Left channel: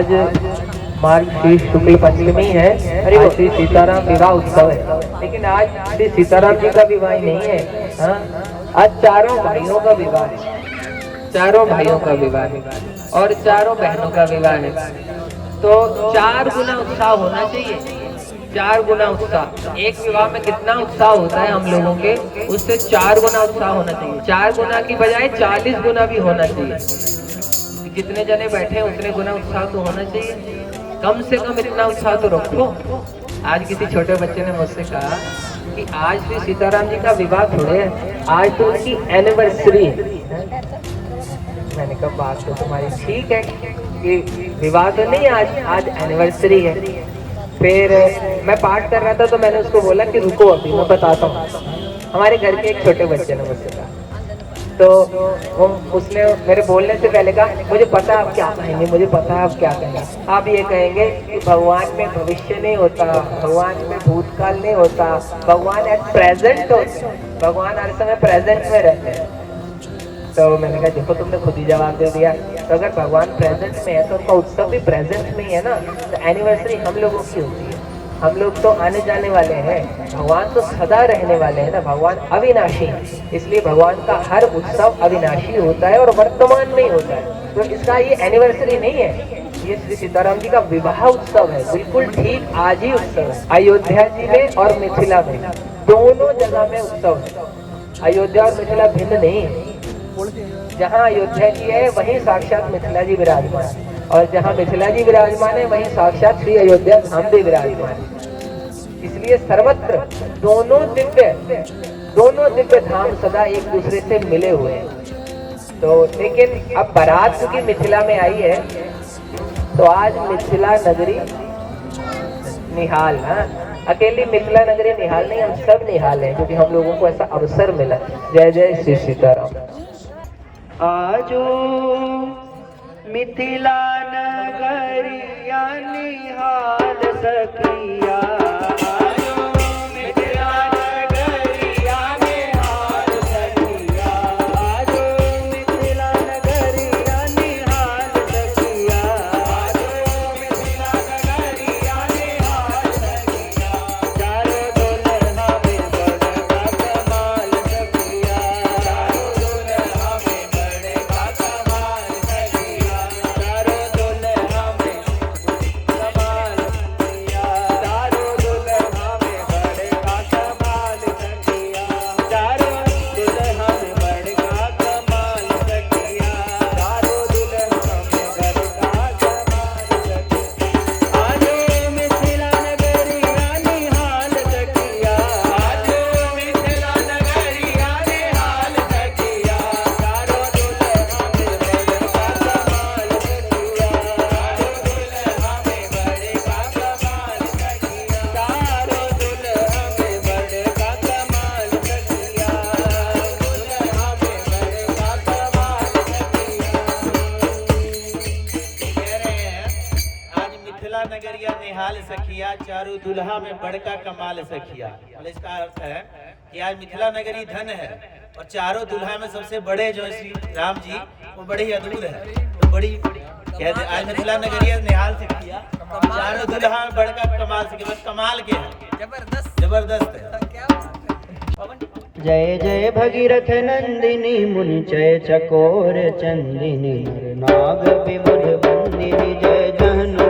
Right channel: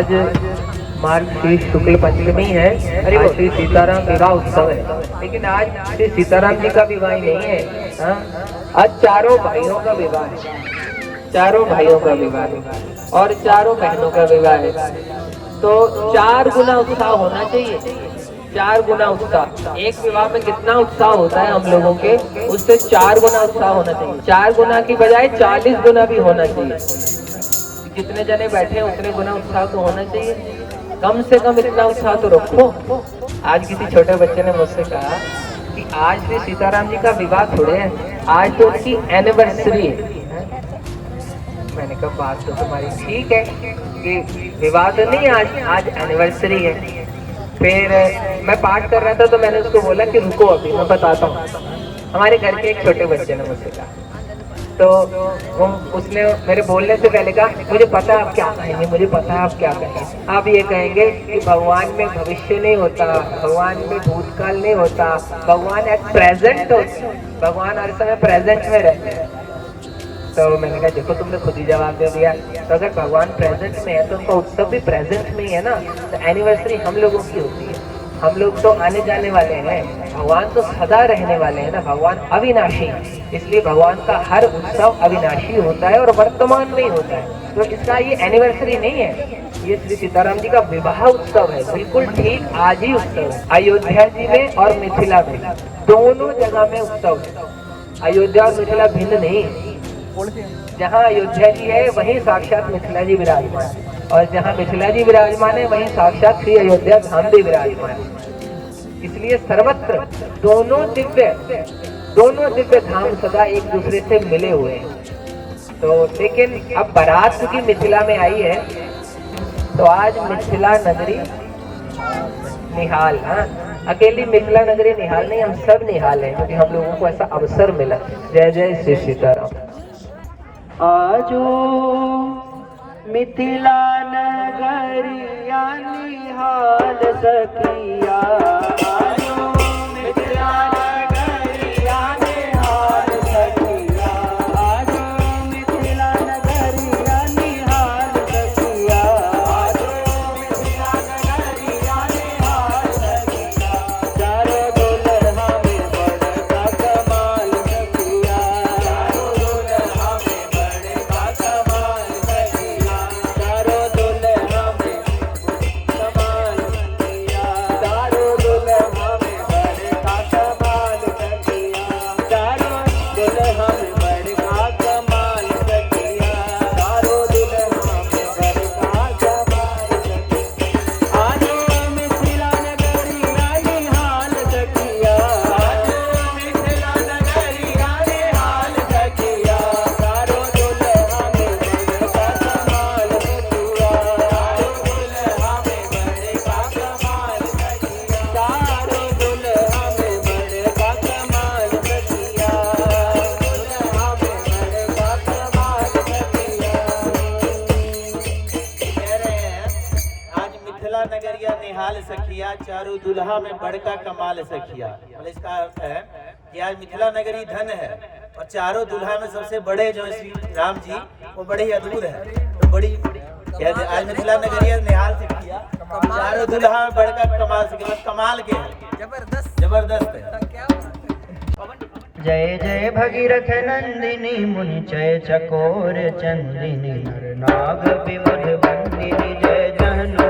आज मार्गशीर्ष शुक्ल पंचमी है, अरे श्री सीताराम विवाह उत्सव है। लेकिन आज श्री सीताराम जी का विवाह ही नहीं है, हाँ? आज चारों भाइयों का विवाह है, चारों भाइयों का विवाह है और चारों बहनों का विवाह है। तो 4 गुना उत्साह होना चाहिए, 4 गुना उत्साह। एक विवाह में कितना उत्साह होता है हम लोगों के, उससे 4 गुना उत्साह होना चाहिए। 4 गुना की बजाय 40 गुना भी होना चाहिए। जितने जने बैठे हैं उतने गुना उत्साह तो होना चाहिए, कम से कम इतना उत्साह तो रखो। आज किसी छोटे बच्चे ने मुझसे कहा कि आज श्री सीताराम जी का विवाह थोड़े है, आज तो उनकी एनिवर्सरी। मैंने कहा बात तो तुम्हारी ठीक है कि विवाह तो नहीं, आज एनिवर्सरी है। फिर मैं पाठ कर रहा था तो मैंने उसको बोला कि रुको अभी मैं बताता हूँ। हमारे घर के एक छोटे बच्चे ने मुझसे कहा, तो उसने मेरे बोलने से पहले कहा मुझे पता है आप क्या कहेंगे, मुझे पता है आप क्या कहेंगे। आप ये कहेंगे कि भगवान में भविष्य नहीं होता, भगवान में भूतकाल नहीं होता, भगवान एट प्रेजेंट होता है, भगवान हर समय प्रेजेंट में रहते हैं। तो मैंने कहा देखो तुमने खुद ही जवाब दे दिया। तो अगर भगवान प्रेजेंट में है तो उनका उत्सव भी प्रेजेंट में ही है ना। तो एनिवर्सरी हम लोगों की होती है, हम लोग तो आने जाने वाले हैं, भगवान तो सदा रहने वाले हैं ना, भगवान अविनाशी है। इसलिए भगवान का हर उत्सव अविनाशी होता है और वर्तमान में ही होता है। तो इसका ये एनिवर्सरी नहीं है, ये श्री सीताराम जी का विवाह उत्सव है, बिल्कुल ठीक आज ही उत्सव है। अयोध्या जी में और मिथिला में दोनों जगह में उत्सव है। अयोध्या और मिथिला भिन्न नहीं है। जहाँ अयोध्या जी है वहीं साक्षात मिथिला जी विराजमान है, और जहाँ मिथिला जी विराजमान है वहीं साक्षात श्री अयोध्या धाम भी विराजमान है। इसलिए सर्वत्र दोनों दिव्य धाम सदा एक दूसरे से मिले हुए हैं। तो लेकिन अब बारात की मिथिला में आई है तो आज मिथिला नगरी निहाल, हाँ अकेली मिथिला नगरी निहाल नहीं, हम सब निहाल हैं क्योंकि हम लोगों को ऐसा अवसर मिला। जय जय श्री सीताराम। आजो मिथिला नगरिया निहाल सखिया, चारों दुल्हा में बड़का कमाल सखिया। और इसका अर्थ है कि आज मिथिला नगरी धन है और चारों दुल्हा में सबसे बड़े जो श्री राम जी वो बड़े ही अद्भुत है। तो बड़ी कहते आज मिथिला नगरी निहाल सखिया, चारों दुल्हा में बड़का कमाल सखिया। कमाल के है, जबरदस्त है। जय जय भगीरथ नंदिनी मुंचय चकोर चंदिनी नरनाग विबुध वंदिनी जय जहनु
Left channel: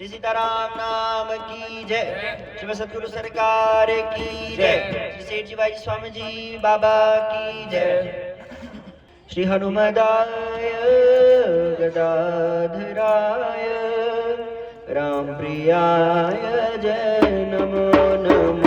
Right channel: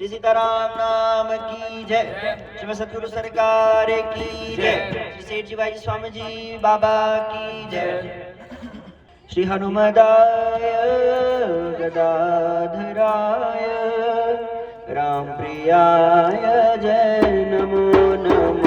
श्री सीताराम नाम की जय। श्री सतगुरु सरकार की जय। श्री सेठ जी भाई स्वामी जी बाबा की जय। श्री हनुमदाय गदाधराय राम प्रियाय जय नमो नमः।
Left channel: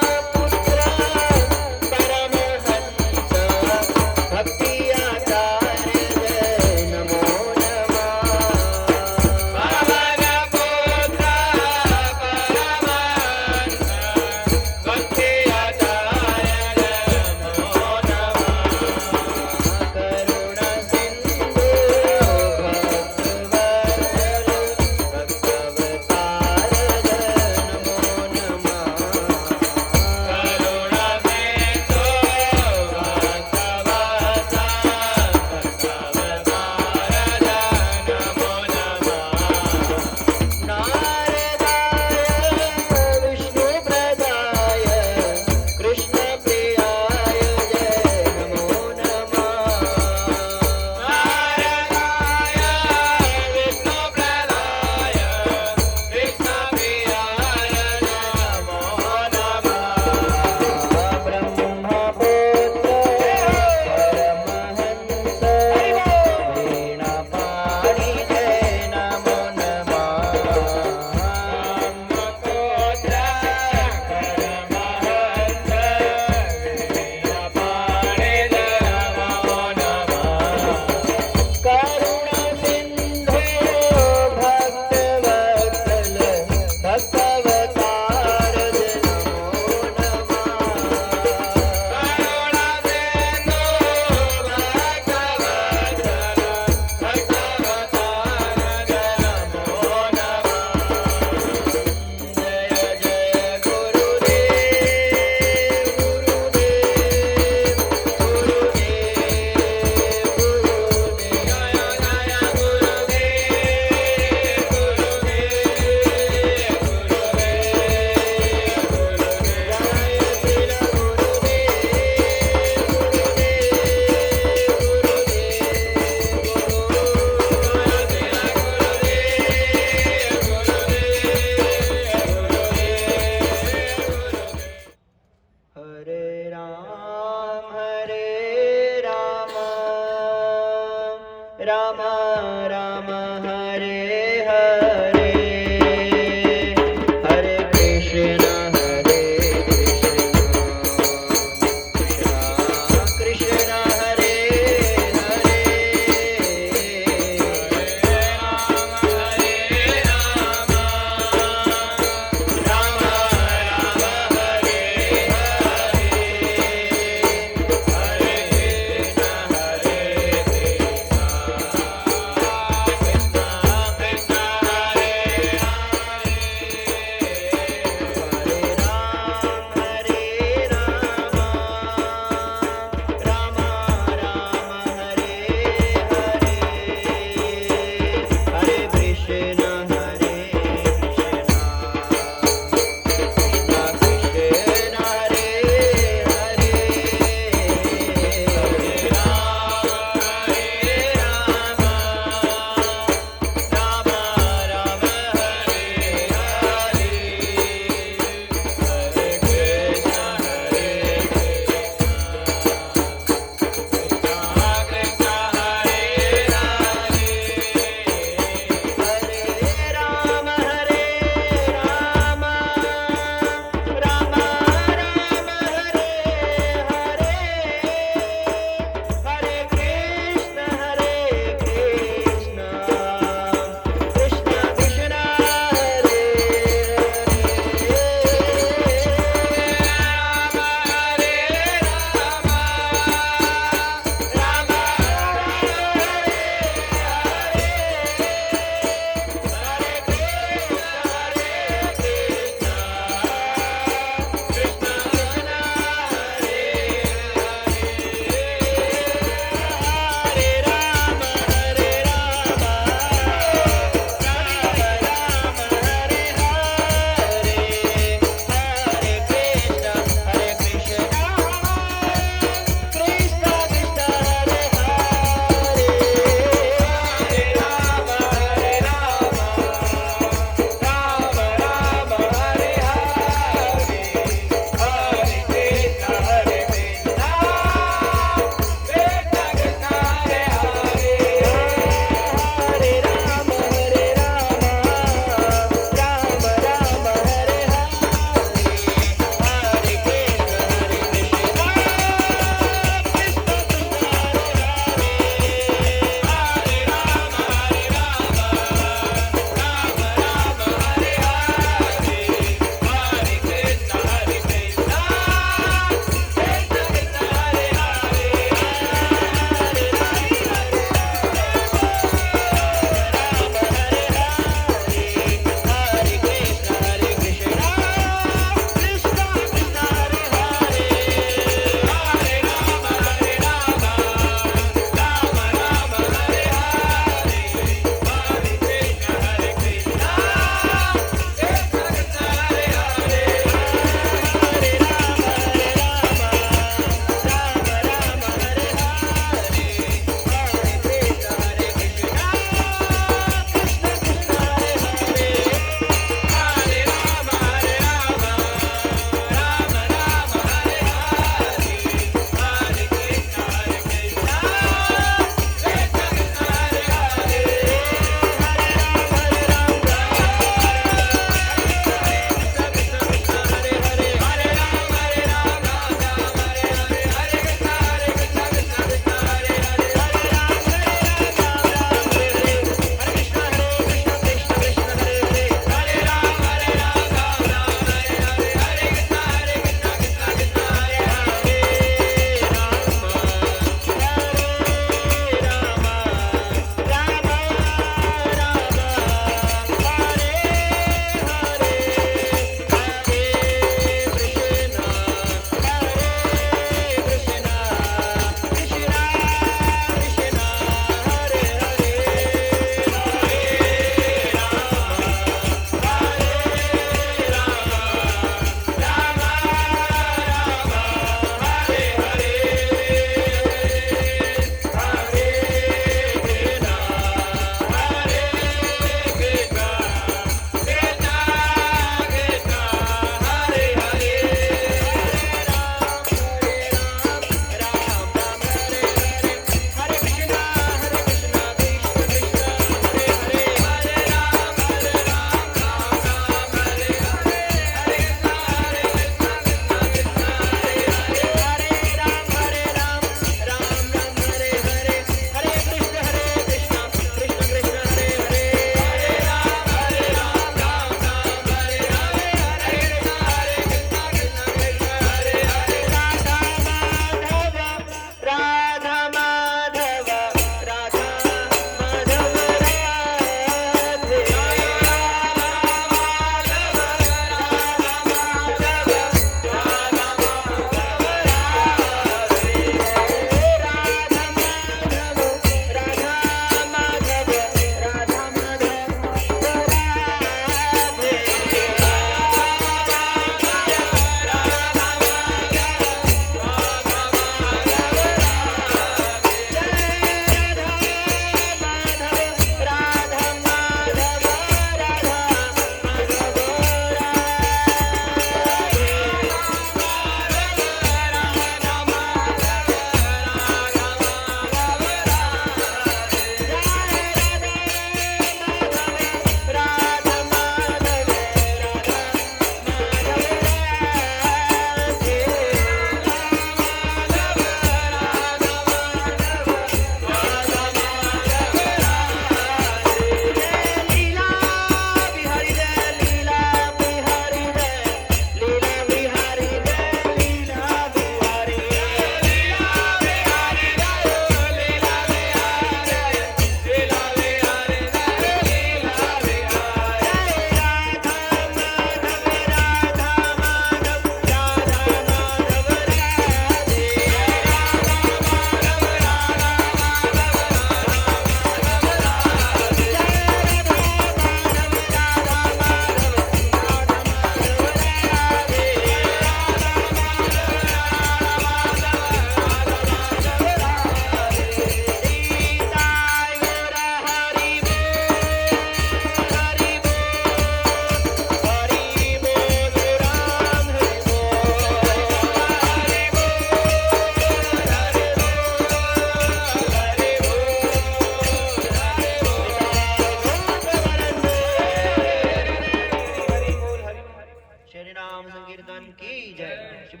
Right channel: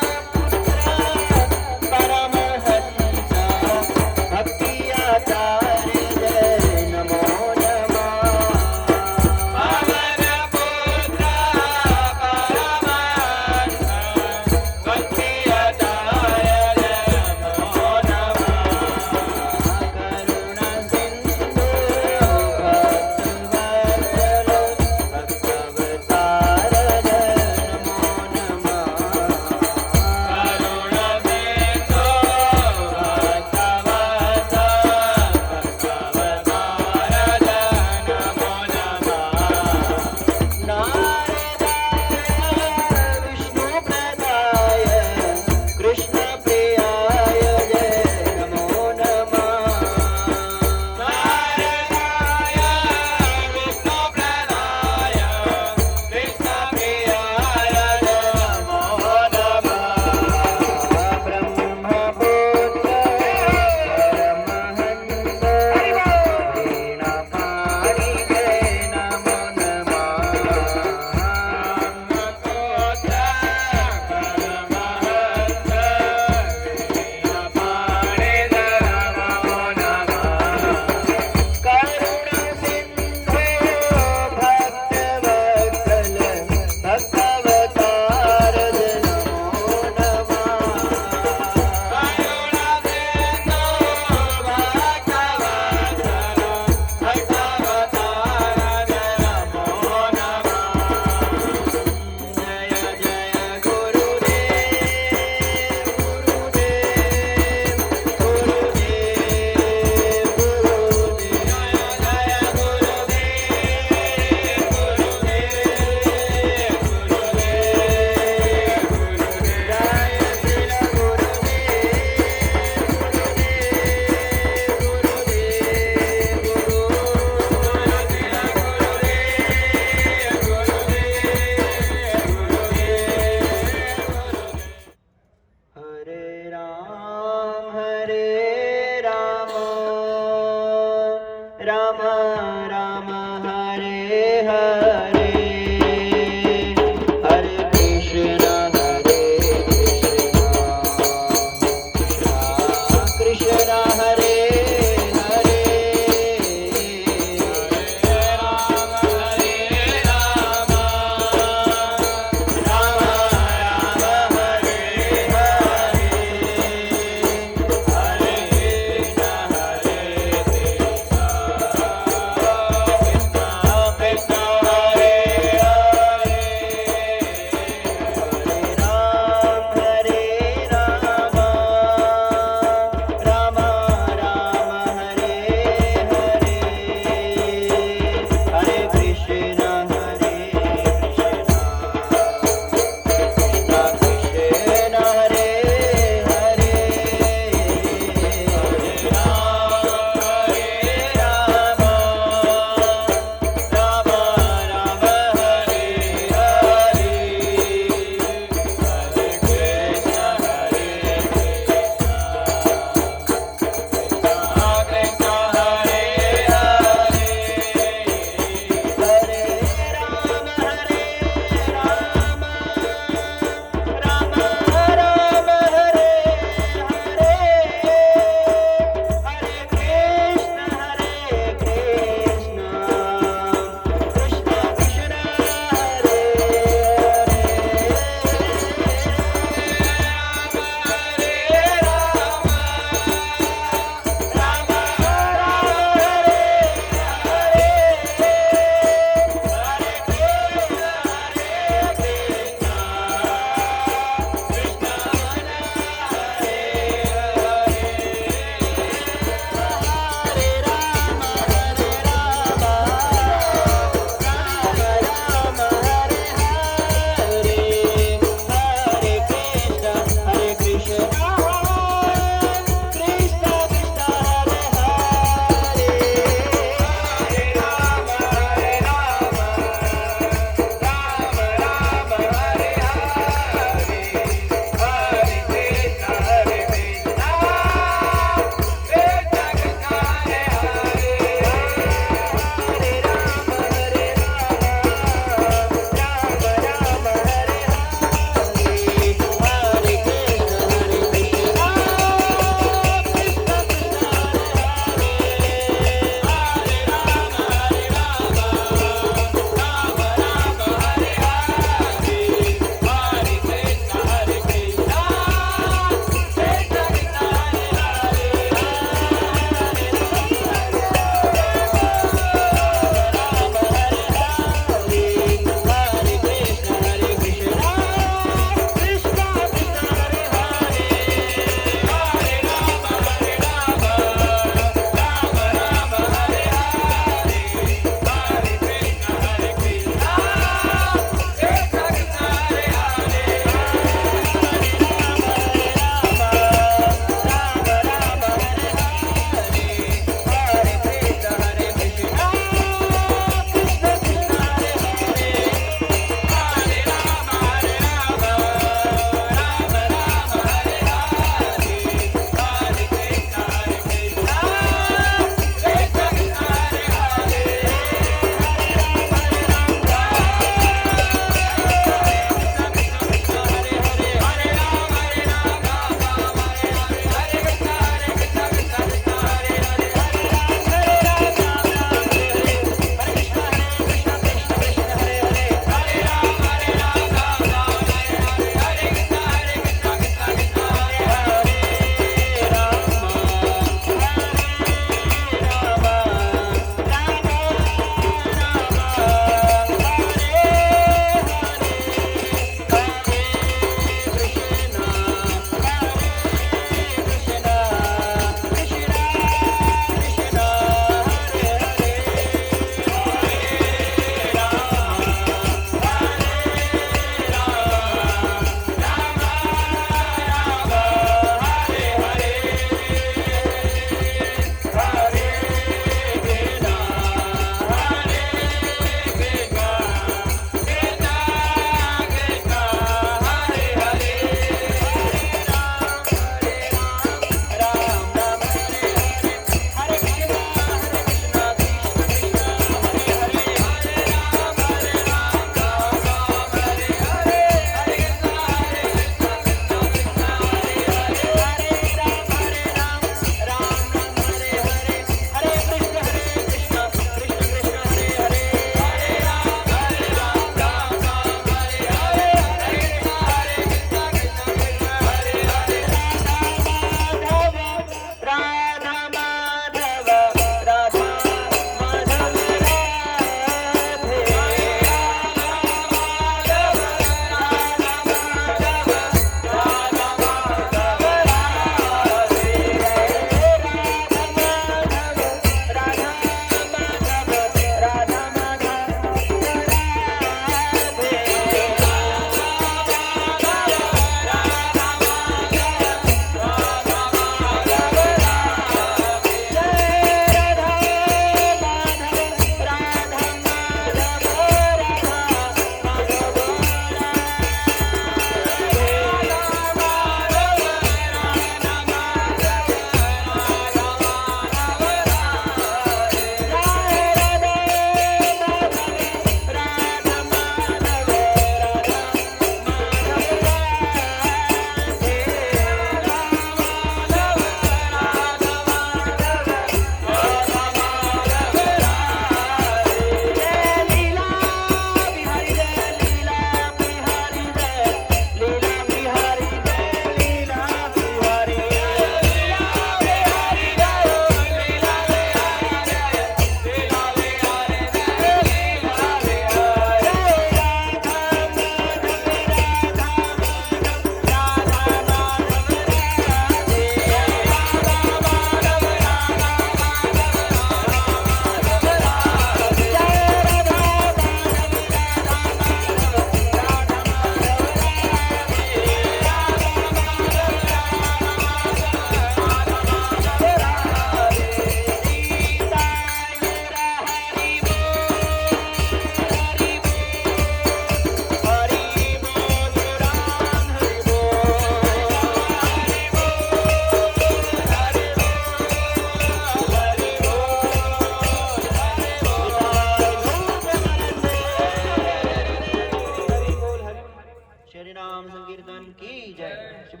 नाम संकीर्तन की जय, शुभ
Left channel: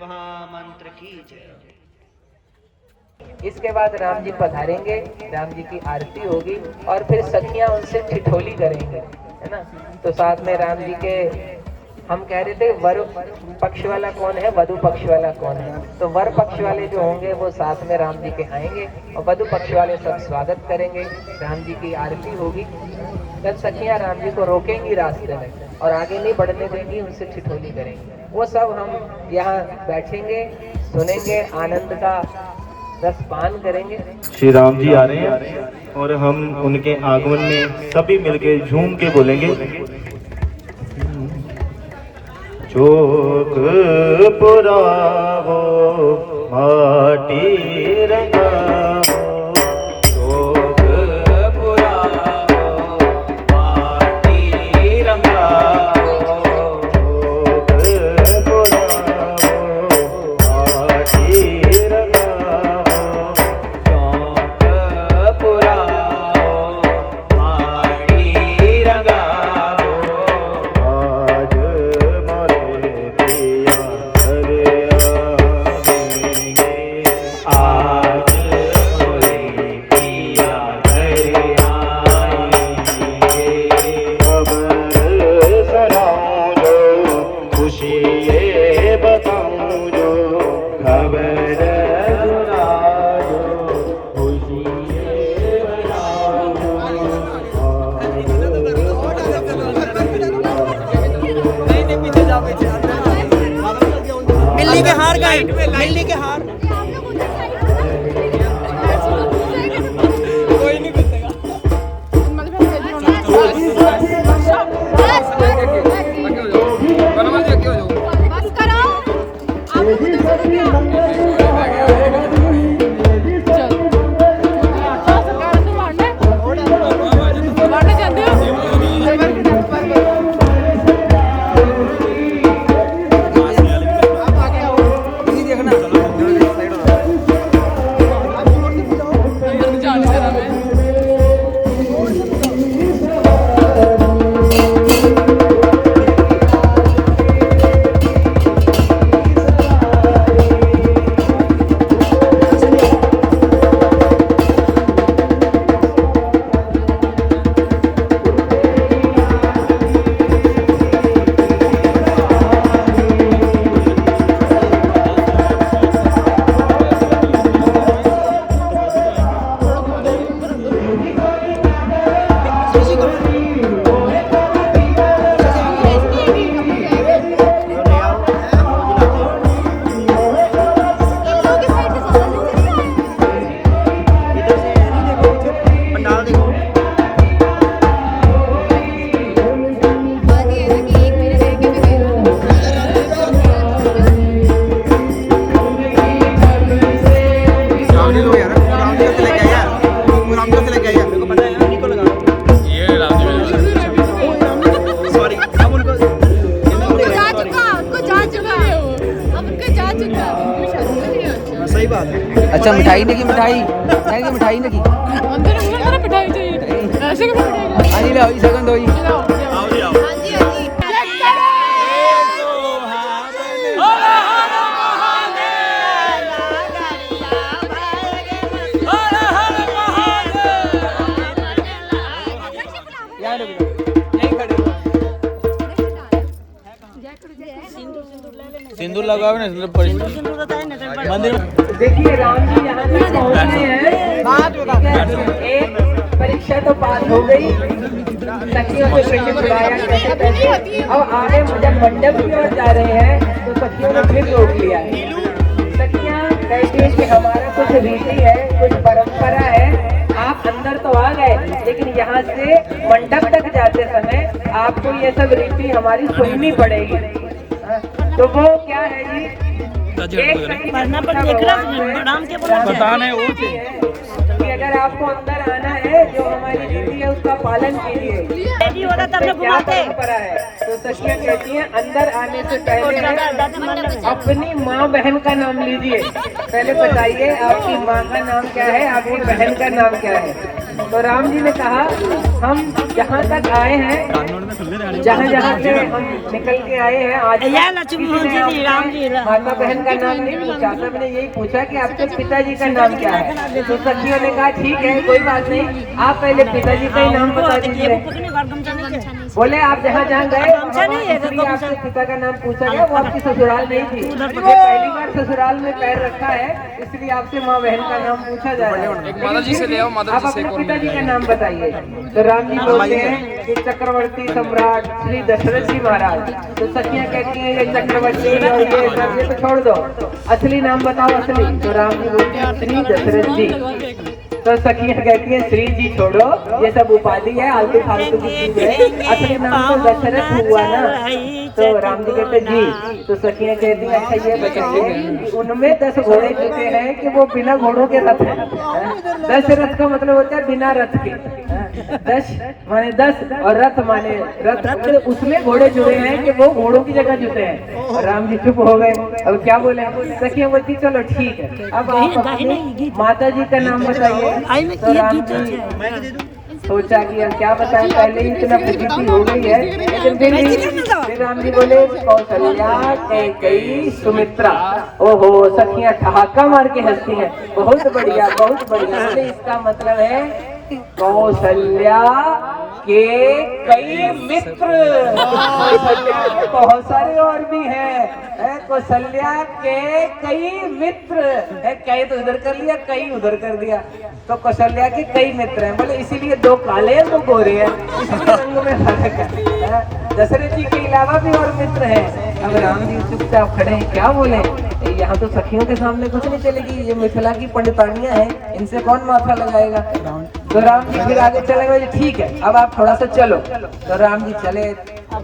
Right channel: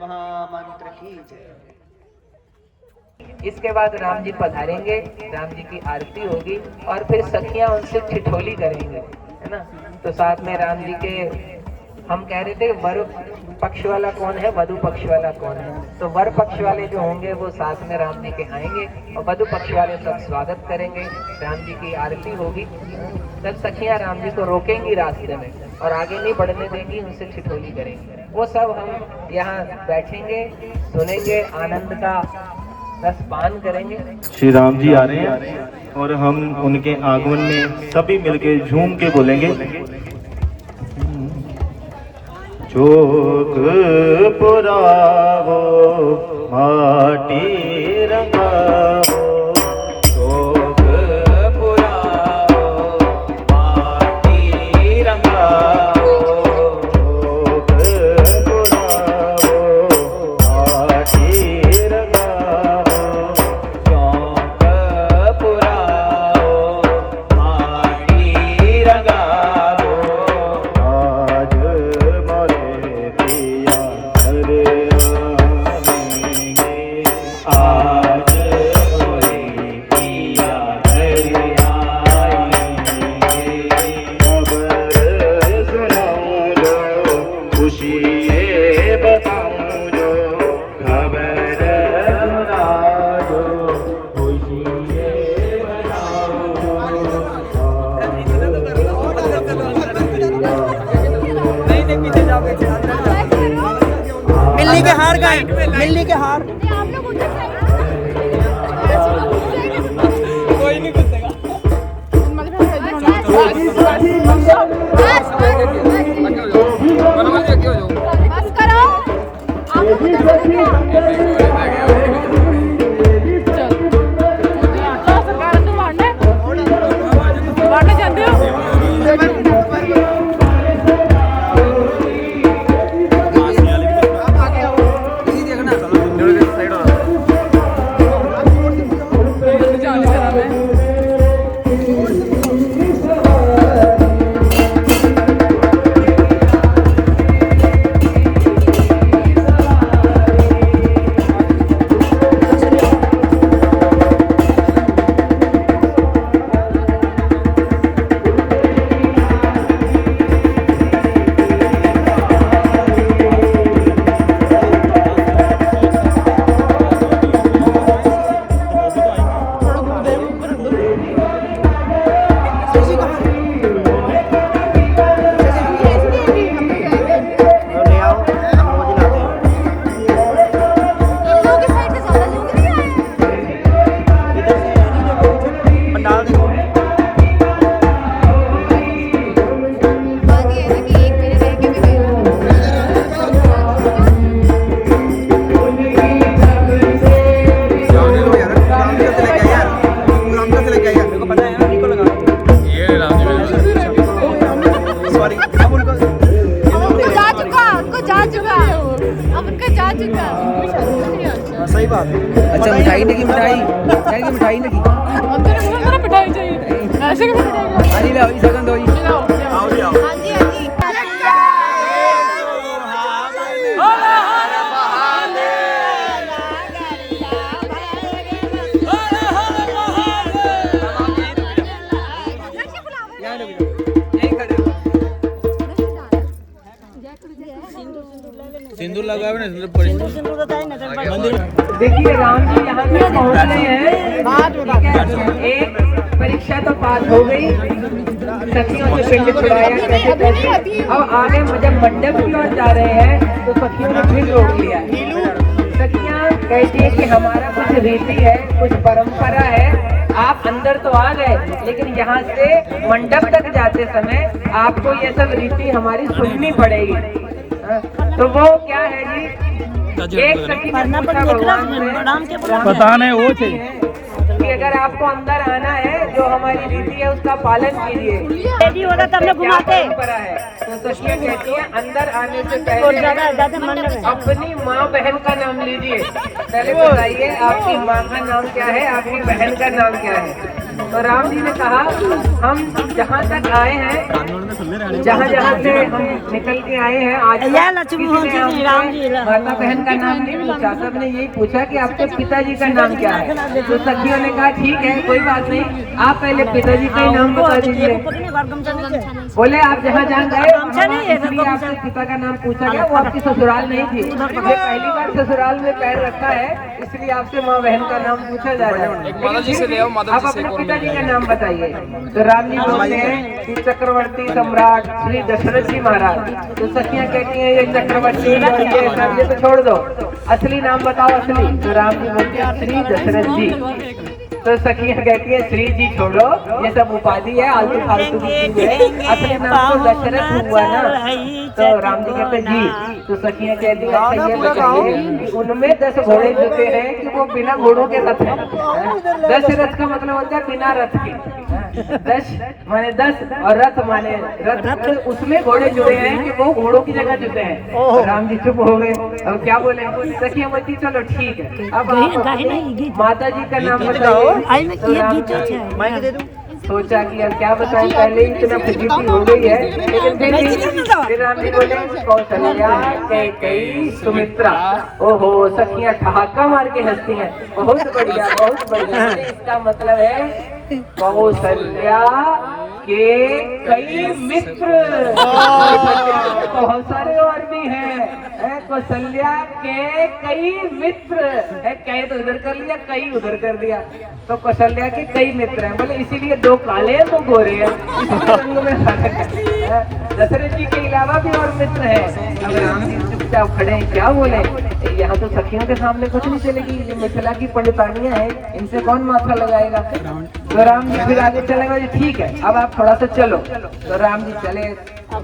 मंत्र की जय। इसके बाद राम जी पधारेंगे, राम जी की आरती होगी और फिर सखियां उनसे ठिठोली करेंगे, है ना। तो साथ में राम जी के, हम कह रहे थे वर पक्ष वाला कौन है, वधु पक्ष वाला कौन है, तो वर पक्ष वाले जो होंगे वो साथ में राम जी के आएंगे और वधु पक्ष वाले सब स्वागत करेंगे, राम जी की आरती होगी। तब सखियां राम जी को रोकेंगी रास्ते में और आगे नहीं बढ़ने देंगी, उनसे ठिठोली करेंगे। वो सब हम यहाँ बैठेंगे, सुनेंगे, आनंद का रसपान करेंगे। श्री राम जी आ रहे हैं और हम उनके आगमन में सभी मिलके झूम के बोलेंगे, चौक पुरावो माटी रंगावो, चौक पुरावो माटी रंगावो, चौक पुरावो माटी रंगावो, चौक पुरावो माटी रंगावो, आज मोरे पिया घरे आएंगे, आज मोरे पिया घरे आएंगे, खबर सुनाऊं जो खुशी ये बताऊं जो, खबर सुना जो खुशी ये बताऊं जो। मिलनी के हार गए, मिलनी के हार। अच्छा मिठाई नहीं की मिठाई नहीं की मिठाई नहीं की अंदर अंदर मिठाई चाहिए ऐसे कैसे मिठाई हाँ जी ले आओ सेकंड दो जी आओ जी आओ। सिंदूर लगाओ ना, सिंदूर पड़ी मंदिर में। देखिए राम जी यहाँ पे पहुँचे हैं, एक परीक्षा तो पास हो गई, सखियों के पिंड खुले हैं कैसे कैसे, और आगे मुझे मंडप की ओर जा रहे हैं तो सखियों ने फिर रोक लिया है। सखियाँ कहती है कि हमारा कुछ रीति है, कुछ परंपरा है, आप अंदर तो आ गए लेकिन यहाँ से मंडप तक जाते समय आपको ये सब रीति हमारी सुननी पड़ेगी। तो वो क्या है जी, पढ़ना पर लिख रहा नाम के बताने वो थे कि अगर आपको अंदर आना है जो हमारी रीति है उसका पालन कीजिए। होगा तब ना क्या भूलते परंपरा है तो सखियाँ कहती हैं अंदर आने से पहले अपनी माँ बहन का नाम लीजिए। पहले बताइए आपकी माँ का नाम क्या है, आपकी बहन का नाम क्या है। तो राम जी ने कहा हम जहाँ तक आए हैं, जहाँ जहाँ से निकल के आए हैं, आज या लक्ष्मण जी ने राम जी माता बहन का नाम नहीं पूछा, सबने यही पूछा कि आपके पिताजी का नाम क्या है। तो सखियों ने कहा ठीक है कोई बात नहीं, आप पहले पिताजी का ही नाम बता दीजिए। बोले आप जहाँ जहाँ गए आपके पिता का नाम पूछा गया, तो आपकी ससुराल नहीं थी, पहली बार ससुराल में पैर रखा है, इसलिए आपसे माँ बहन का नाम पूछा जा रहा है। आप अपने पिताजी का नाम बताइए। तो राम जी बोलते हैं कि चक्रवर्ती सम्राट श्री दशरथ जी महाराज। तो सखियाँ कहती है ये चक्रवर्ती और ये तो छोड़ दो, असली नाम बताओ असली। तो राम जी बोलते हैं श्री दशरथ जी। तो सखियाँ कहती है श्री जी छोड़ो, ये सब उपाधि है, आलतू फालतू की चीज़ है, असली नाम तो दशरथ हुआ ना। तो राम जी कहते जी। तो सखियाँ कहती है अच्छा ये बताइए उनमें 10 घोड़े जुटे हैं कि वो बिना घोड़ों के रथ है। 10 रथ का मतलब होता है बिना रथ के, 10 माने 10 और रथ माने रथ, मतलब उसमें घोड़े जुटे हैं कि वो घोड़ों की जगह जुटे हैं। राम जी चुप हो गए, अब क्या बोले। सखियाँ बोलती चलो ठीक है, अब आप माता जी का नाम बताइए। तो राम जी सोचा कि अब क्या बताएं, पहले ही इतना प्रसिद्धि हो गई है, लेकिन फिर राम जी बोले कौशल्या कैकेयी सुमित्रा। ओहो सखियां ठहाका मार के हंसती है, बहुत बढ़िया बहुत बढ़िया। इसका मतलब है कौशल्या के कई मित्र, बहुत सारे और भी हैं। कौशल्या के कई मित्र है, कई तो उधर कर लिया कई उधर कर दिया, तो कौशल्या के कई मित्र हैं, मतलब इसीलिए 2 काले हैं 2 गोरे हैं, इसलिए रंगों में फर्क है। दशरथ जी के अलावा भी और मित्र हैं। राम जी चुपचाप खड़े हैं, क्या बोले, यहाँ तो सखियों के सामने कुछ नहीं चलेगी, ये मिथिला की पंडितानियां हैं, इनसे कौन माथा लगाएगा। तो राम जी फिर आगे चले गए, ठीक है अब आप थोड़ा सा चलो। तो राम जी चले, तो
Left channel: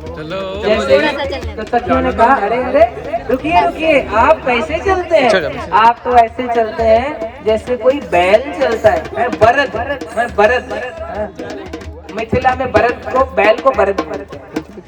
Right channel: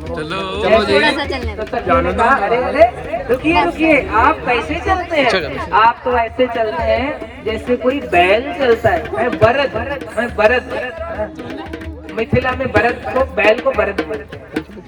सखियों ने कहा अरे अरे रुकिए रुकिए, आप कैसे चलते हैं, आप तो ऐसे चलते हैं जैसे कोई बैल चलता है। मैं बरद मिथिला में बरद को बैल को बरद।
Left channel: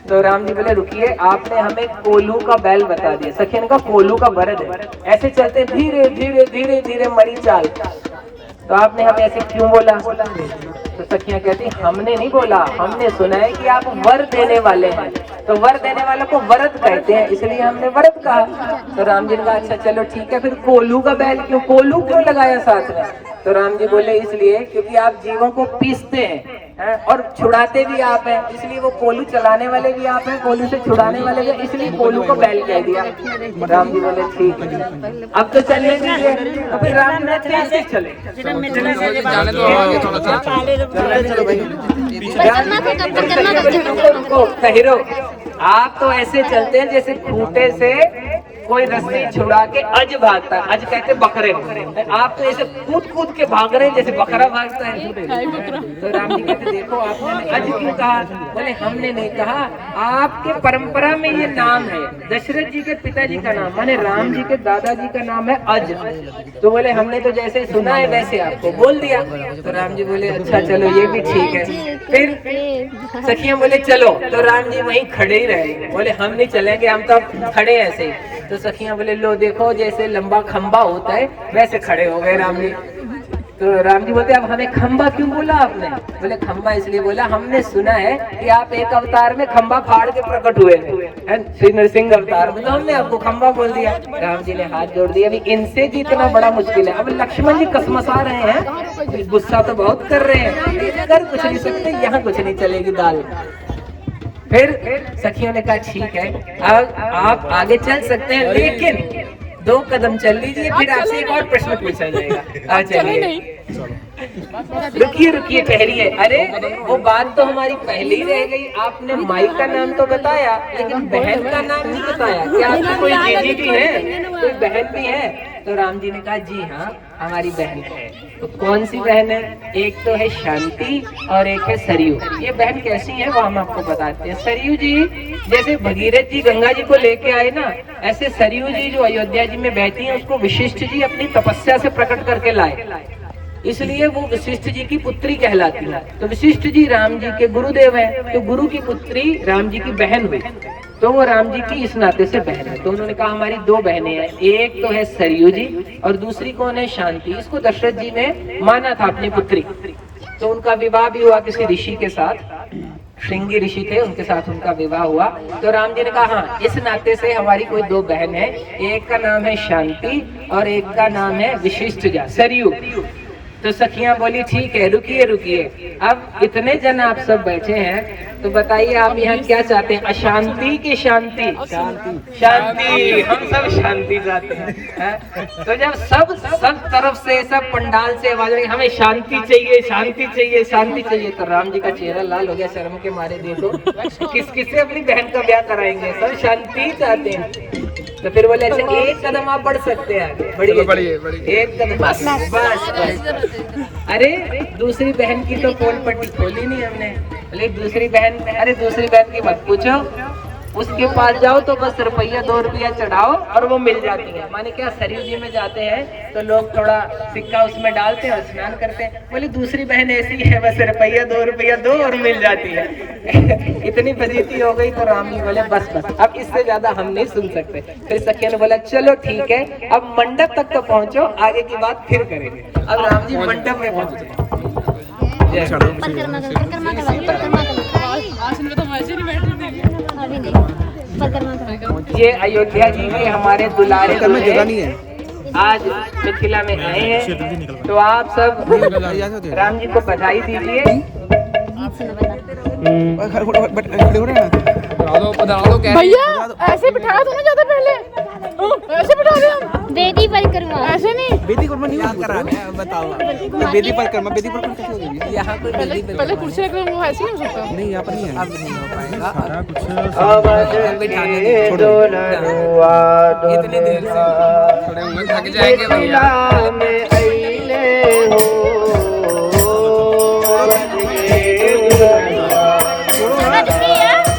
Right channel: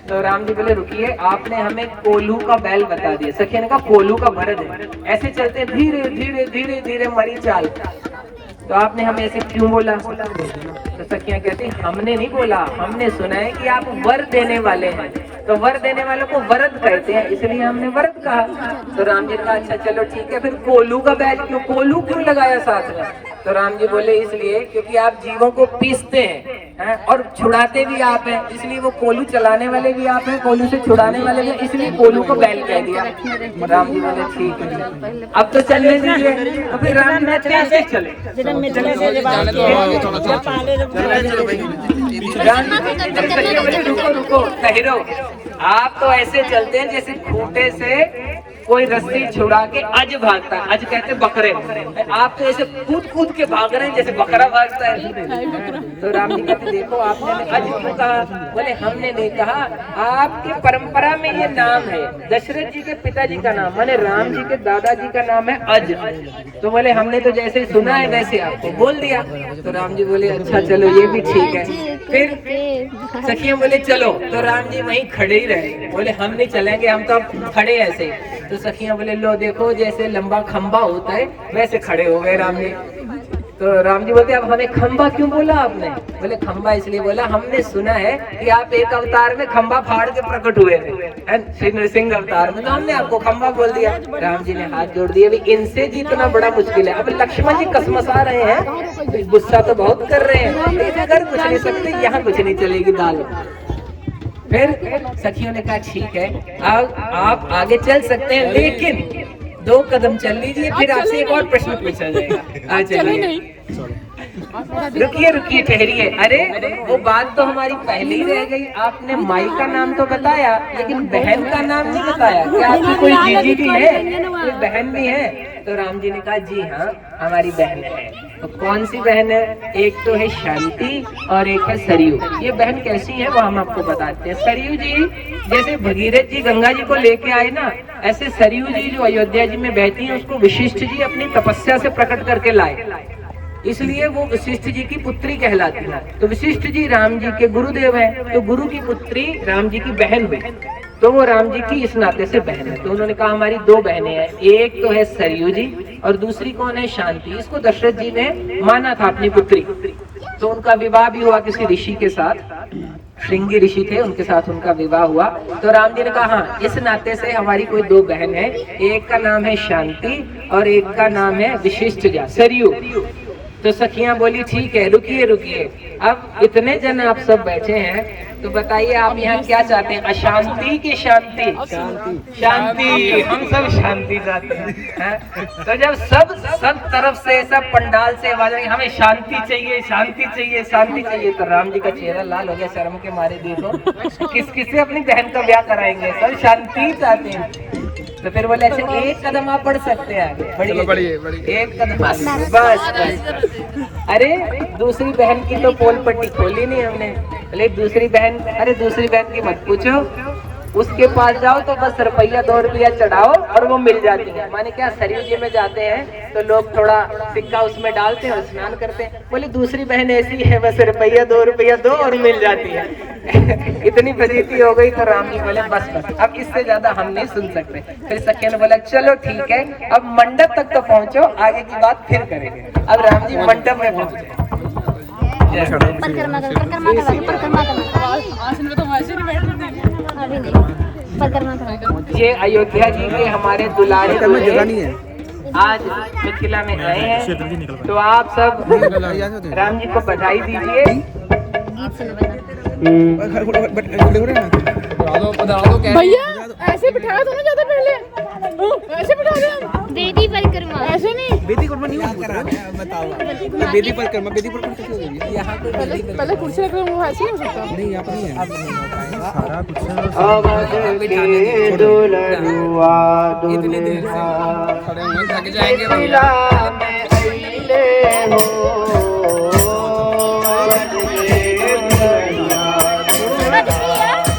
तो राम जी बोले रुकिए, आपने हमें कोल्हू का बैल बता दिया। सखिया ने कहा कोल्हू का बरद है, ऐसे चलते धीरे धीरे धीरे धीरे मरी चाल, तो आपने हमें ऐसे क्यों बोला। तो सखियां कहती हमने नहीं बोला, हमने सुना है कि आप वर देने वाले हैं, तो वर देने वालों को वरद कहते हैं, इसलिए हमने वरद कहा। तो राम जी ने कहा अच्छा चलो ठीक है, फिर कोल्हू का बैल क्यों, कोल्हू क्यों लगाया साथ में। तो राम जी बोले इसलिए क्योंकि आप जीवों को पीसते हैं और छुड़ाते भी आप हैं, इसलिए वो कोल्हू चलाने वाले भी आप हैं, कोल्हू से छुड़ाने वाले भी, इसलिए कोल्हू को बैल कह दिया। राम जी बोले ठीक है अब तो चलिए। राम जी कैसे चले, रुको कहिरो, आप तो ऐसे चलते हैं जैसे खूंटे से कोई रस्सी छुड़ा के अज भागता है, अज कहते बकरे, आप तो ऐसे कूद कूद के भाग रहे हैं जैसे बकरा भागता है। तो राम जी कहते देखो आपने अज क्यों कहा, बोले हमने नहीं कहा, आपके परंपरा में ये नाम है, दशरथ जी के पिताजी का नाम माने राम जी के दादाजी का नाम है अज, तो बोले हमने तो जैसे सुना है वैसे आपको बोल दिया। तो राम जी बोले अच्छा चलो ये भी ठीक है। फिर सखियां बोले चलो, तो राम जी वहीं खड़े ही रहे, बोले हम नहीं चलेंगे, हम तो खड़े ऐसे। तो सखियां बोले लो देखो जैसे लंबा खंबा होता है वैसे खड़े हो गए राम जी। तो राम जी बोलते अब हमें खंबा क्यों बोला आपने, बोले खंबा इसलिए बोला हमने सुना है कि आप एक अवतार में खंबा फाड़ के प्रकट हुए थे, श्री नरसिंह अवतार में, तो हमने आपको खंबा बोल दिया। राम जी ने हाथ जोड़ दिया, अभी इनसे जीतना बड़ा मुश्किल है। अब लक्ष्मण जी कसमसा रहे हैं, गुस्सा तो बहुत कर रहे हैं, कर कुछ नहीं सकते, यहाँ कुछ नहीं चलेगी दाल। फिर सखियों ने कहा ठीक है अब आप आगे चल सकते हैं, लेकिन 2 कदम चल लीजिए, फिर आपसे एक और प्रश्न पूछा जाएगा। चलिए रुकिए रुकिए ठहरिए, अरे वो बात तो हमारी पहले ही रह गई, आपने माई का नाम तो बताया लेकिन बहन का नाम नहीं बताया, क्या आपकी कोई जीजी भी है, कोई बहन भी है। तो राम जी ने कहा जी हाँ हमारी बहन है। तो कौन सी बहन है, एक तो है शांति और एक है सरयू। ये बहन कैसी है वो हम आपको बताते हैं। सरयू जी जैसे भगीरथ जी गंगा जी को लेके आए ना, ऐसे सरयू जी जो अयोध्या जी में बहती हैं उसको वशिष्ठ जी अपनी तपस्या से प्रकट करके लाए, इसलिए वो वशिष्ठ जी की पुत्री कहलाती है। तो वशिष्ठ जी राम जी के गुरुदेव हैं, तो गुरु की पुत्री राम जी की बहन हुई, तो वो राम जी की इस नाते से बहन है। तो उन्होंने कहा हमारी 2 बहनें हैं, एक तो है सरयू जी और दूसरी कौन है शांति। इसको दशरथ जी ने माना था अपनी पुत्री। तो उनका विवाह भी हुआ किसी ऋषि के साथ, श्रृंगी ऋषि थे, उनके साथ उनका विवाह हुआ। तो राम जी ने कहा हाँ, इस नाते से हमारी कोई दो बहन है, एक का नाम है शांति और एक का नाम है विशिष्टजा, सरयू। तो सखियां बोली ठीक है, रुकिए रुकिए, अब इतने जन आप सब बैठे हैं, तो बताइए आप यहाँ क्या चाहते हैं, अशांति की शांति? शांति, हम सब शांति चाहते हैं। तो जब सब तरफ से, सब पंडाल से आवाज आई हमें शांति चाहिए, शांति चाहिए, शांति चाहिए, तो राम जी का चेहरा लाल हो गया शर्म के मारे। देखो किससे अपनी बहन का ब्याह कराएंगे, सब शांति चाहते हैं। तो फिर बोले अच्छा एक कदम आप बढ़ सकते हैं आगे, बढ़िए एक कदम, बस। अरे दूसरी बहन की तो पोल पट्टी खोली नहीं हमने, बोले दूसरी बहन, अरे दूसरी बहन की मत पूछो, उसके पास जाओ तो बस रुपया 2 रुपया चढ़ाओ और वो मिल जाती है। माने क्या, सरयू जी में जाते हैं तो लोग थोड़ा सिक्का उसमें डालते हैं और स्नान करते हैं। बोले दूसरी बहन ऐसी है, बस रुपया 2 रुपया दो और मिल जाती है। इतनी फजीती हो गई तो राम जी बोले बस अब इससे ज्यादा हम नहीं सुन सकते। फिर सखिया ने बोला चलो ठीक है, अब मंडप तक तो पहुंचो, आगे की बात फिर करेंगे। अब राम जी मंडप में पहुंचे। ये अयोध्या जी के हमारे दुलारे जगह नहीं है, आज मिथिला में आए हैं, तो आप सब राम जी को बधाई दीजिए। भैया ऐसे बिठाया तो नहीं जाता पहले, ऐसे बिठा रहे हम वेदी परिक्रमा, ऐसे नहीं, बेदी परिक्रमा नहीं करा है, बताओ बेदी परिक्रमा कैसे होगी? यहाँ पे पहले कुर्सी रख रहे हैं, वो ऐसे नहीं हो सकता। नहीं यहाँ पर नहीं है, अब नहीं हो पाएगा सारा कुछ। इतने देर से खड़े हुए थक जाएंगे भैया।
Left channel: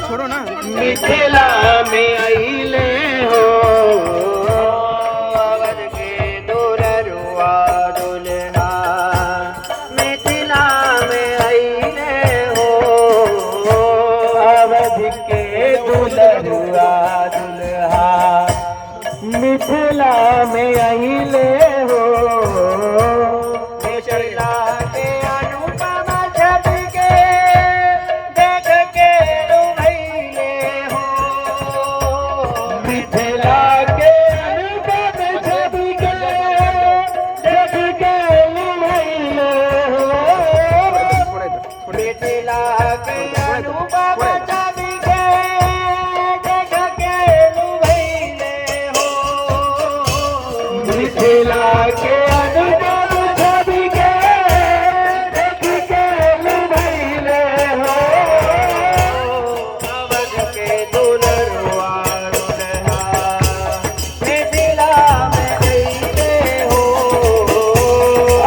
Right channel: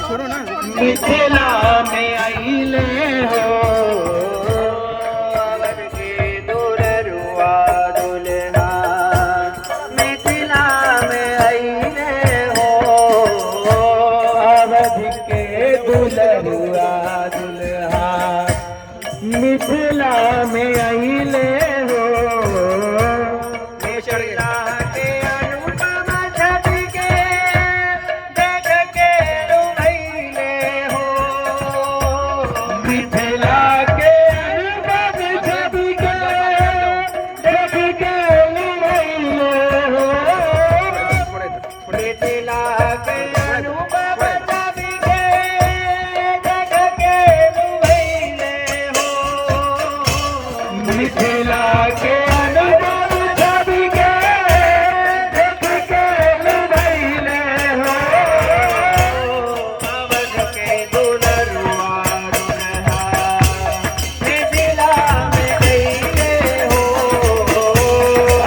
छोड़ो ना, मिथिला में आइले हो, अवध के दुलरुआ दुल्हा, मिथिला में आइले हो, अवध के दुलरुआ दुल्हा, मिथिला में आइले हो, मिथिला के अनुपम छवि के देख के रुइले हो, मिथिला के अनुपम छवि के देख के रुइले हो, मिथिला के अनुपम छवि के देख के रुइले हो, मिथिला के अनुपम छवि के देख के रुइले हो, अवध के दुलरुआ दुल्हा, मिथिला में आइले हो,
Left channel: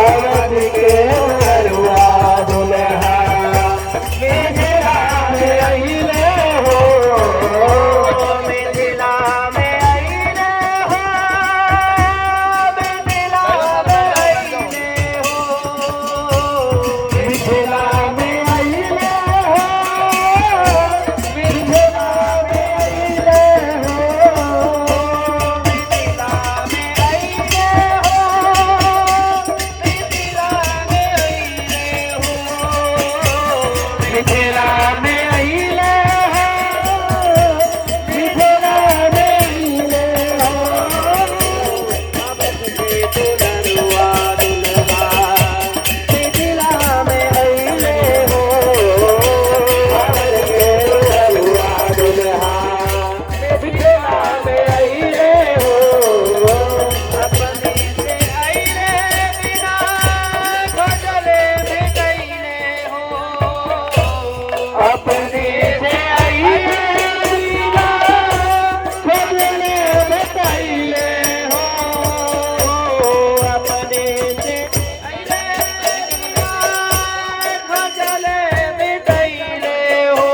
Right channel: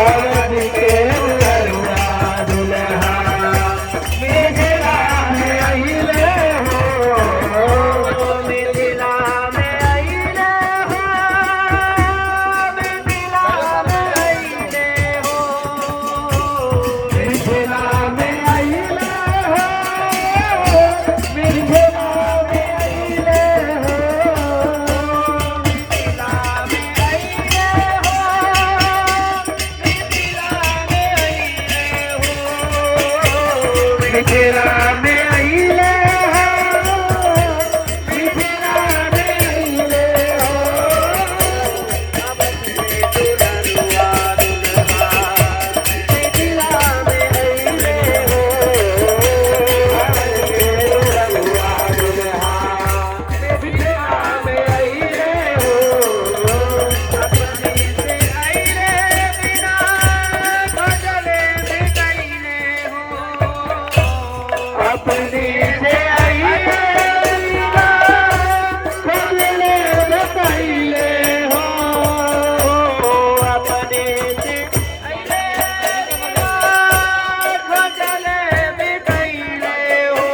अवध के दुलरुआ दुल्हा, मिथिला में आइले हो, मिथिला में आइले हो, मिथिला में आइले हो, मिथिला में आइले हो, मिथिला में आइले हो, मिथिला में आइले हो, अवध के दुलरुआ दुल्हा, मिथिला में आइले हो, अवध के दुलरुआ दुल्हा, मिथिला में आइले हो, अपनी से आइले बिना खजले में गईले हो, अपने से आइले बिना खजले में गईले हो, अपने से आइले बिना खजले में गईले हो,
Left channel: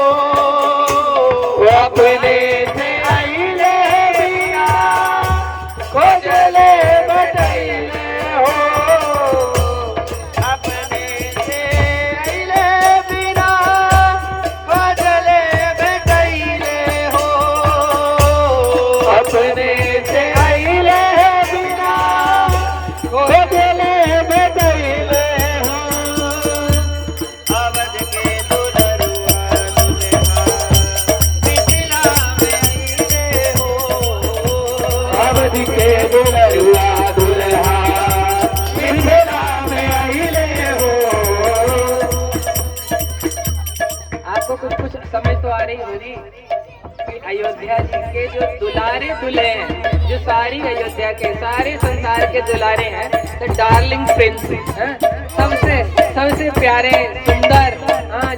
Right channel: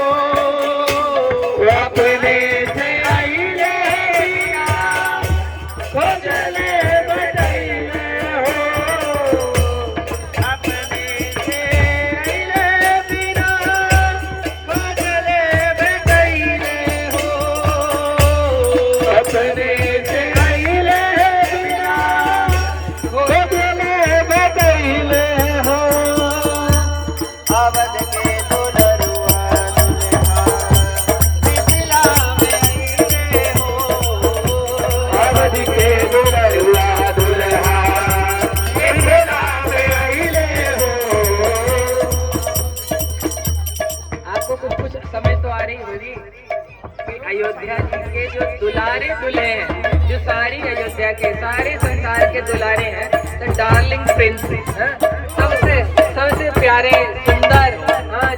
अपने से आइले बिना खजले में गईले हो, अपने से आइले बिना खजले में गईले हो, अपने से आइले बिना खजले में गईले हो, दुलारे दुल्हे हैं, जो सारी अयोध्या के सारे संसार के दुलारे हैं, द डार्लिंग प्रिंस, सबसे सबसे प्यारे सुंदर,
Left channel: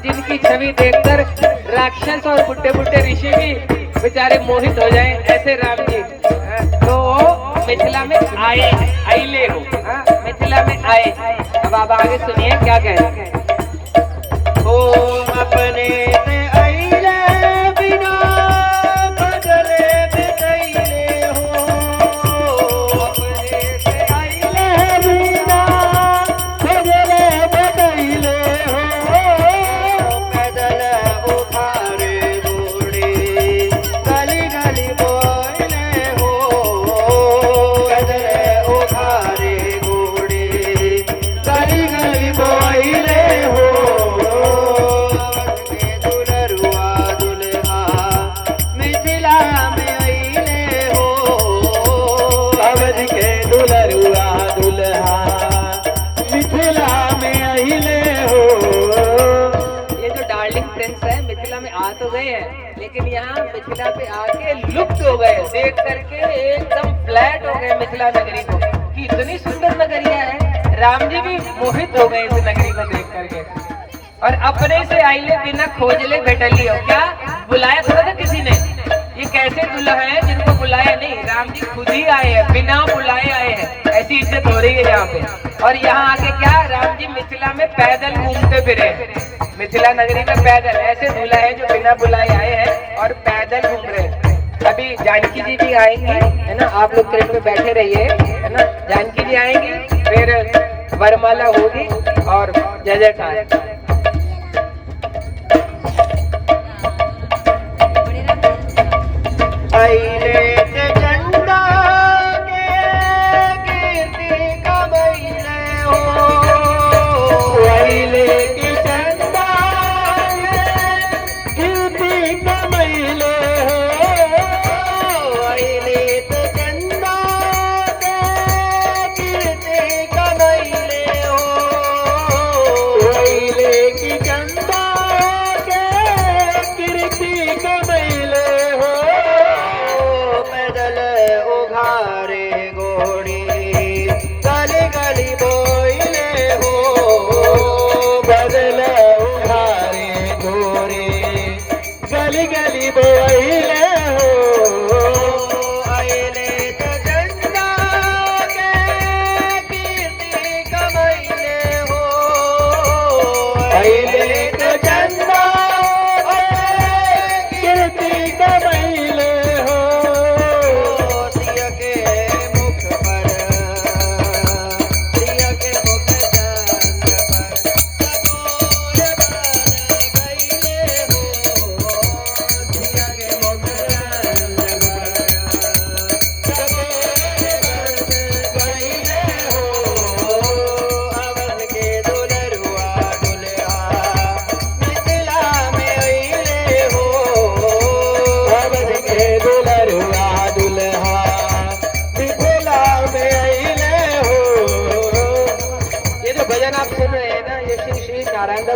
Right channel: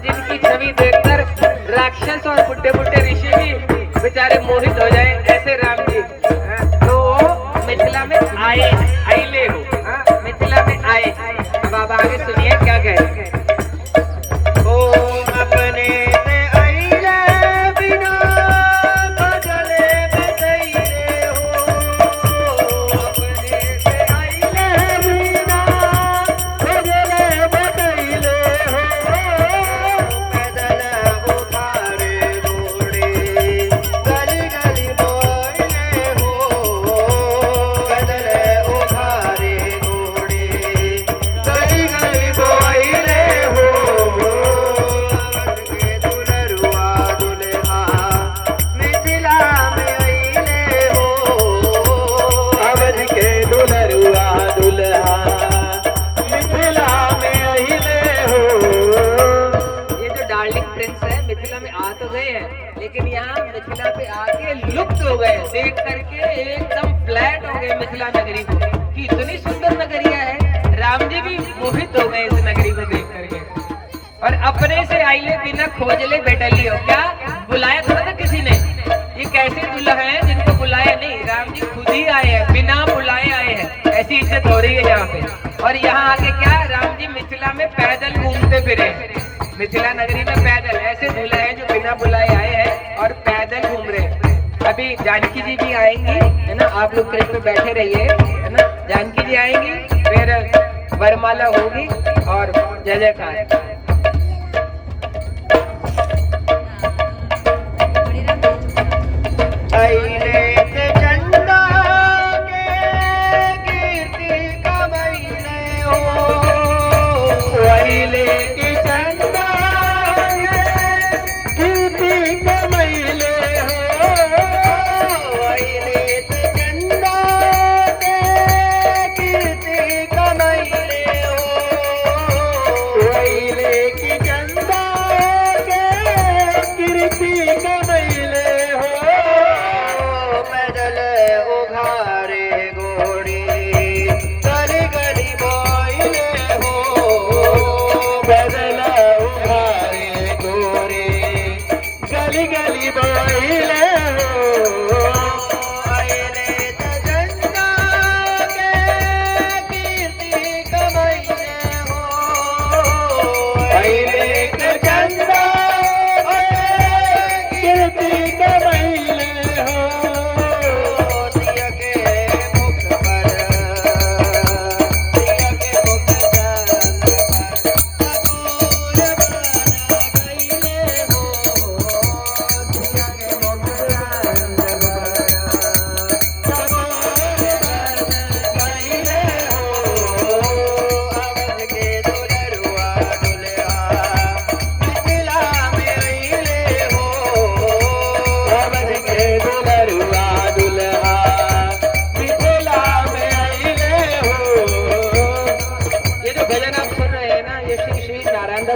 जिनकी छवि देखकर राक्षस और बुड्ढे बुड्ढे ऋषि भी बेचारे मोहित हो जाए, ऐसे राम जी। तो वो मिथिला में आए, आइले हो, मिथिला में आए। अब आप आगे सुनिए क्या कहते हैं। अपने से आइले बिना बदले बिताइले हो, अपने से आइले बिना बदले बिताइले हो, पैदल उठारे घोड़े गली गली बोले हो, पैदल उठारे घोड़े गली गली बोले हो, लेकिन यहाँ मिथिला पे आके लुप्त हो गए, देख करके एकदम फ्लैट हो गए मिथिला नगरी को, कि इतनी सुंदर नगरिया है। राम जी भी मोहित हो गए इस नगरी को देख करके। और अपने से आइले बिना खोज ले बेटली हो, क्या बुलाया थोड़ा था किसी ने? ये कैसे दूल्हा है जिनको बुलाया नहीं? राम जी खुद ही आए हैं, बिना बुलाए आए हैं, ऐसी इज्जत हो रही है यहाँ पे। और यहाँ आके क्या, राम जी मिथिला में पैदल घूमते फिरे, मिथिला नगरी में पैदल, ऐसे दूल्हा है जो बिना बुलाए आए हैं और पैदल घूम रहे। अभी जानकी जी भी आएंगी, है ना, आप लोग ट्रेन में बैठे रहिए, है ना, जानकी जी आएंगी, फिर वरमाला होगी और जय जयकार।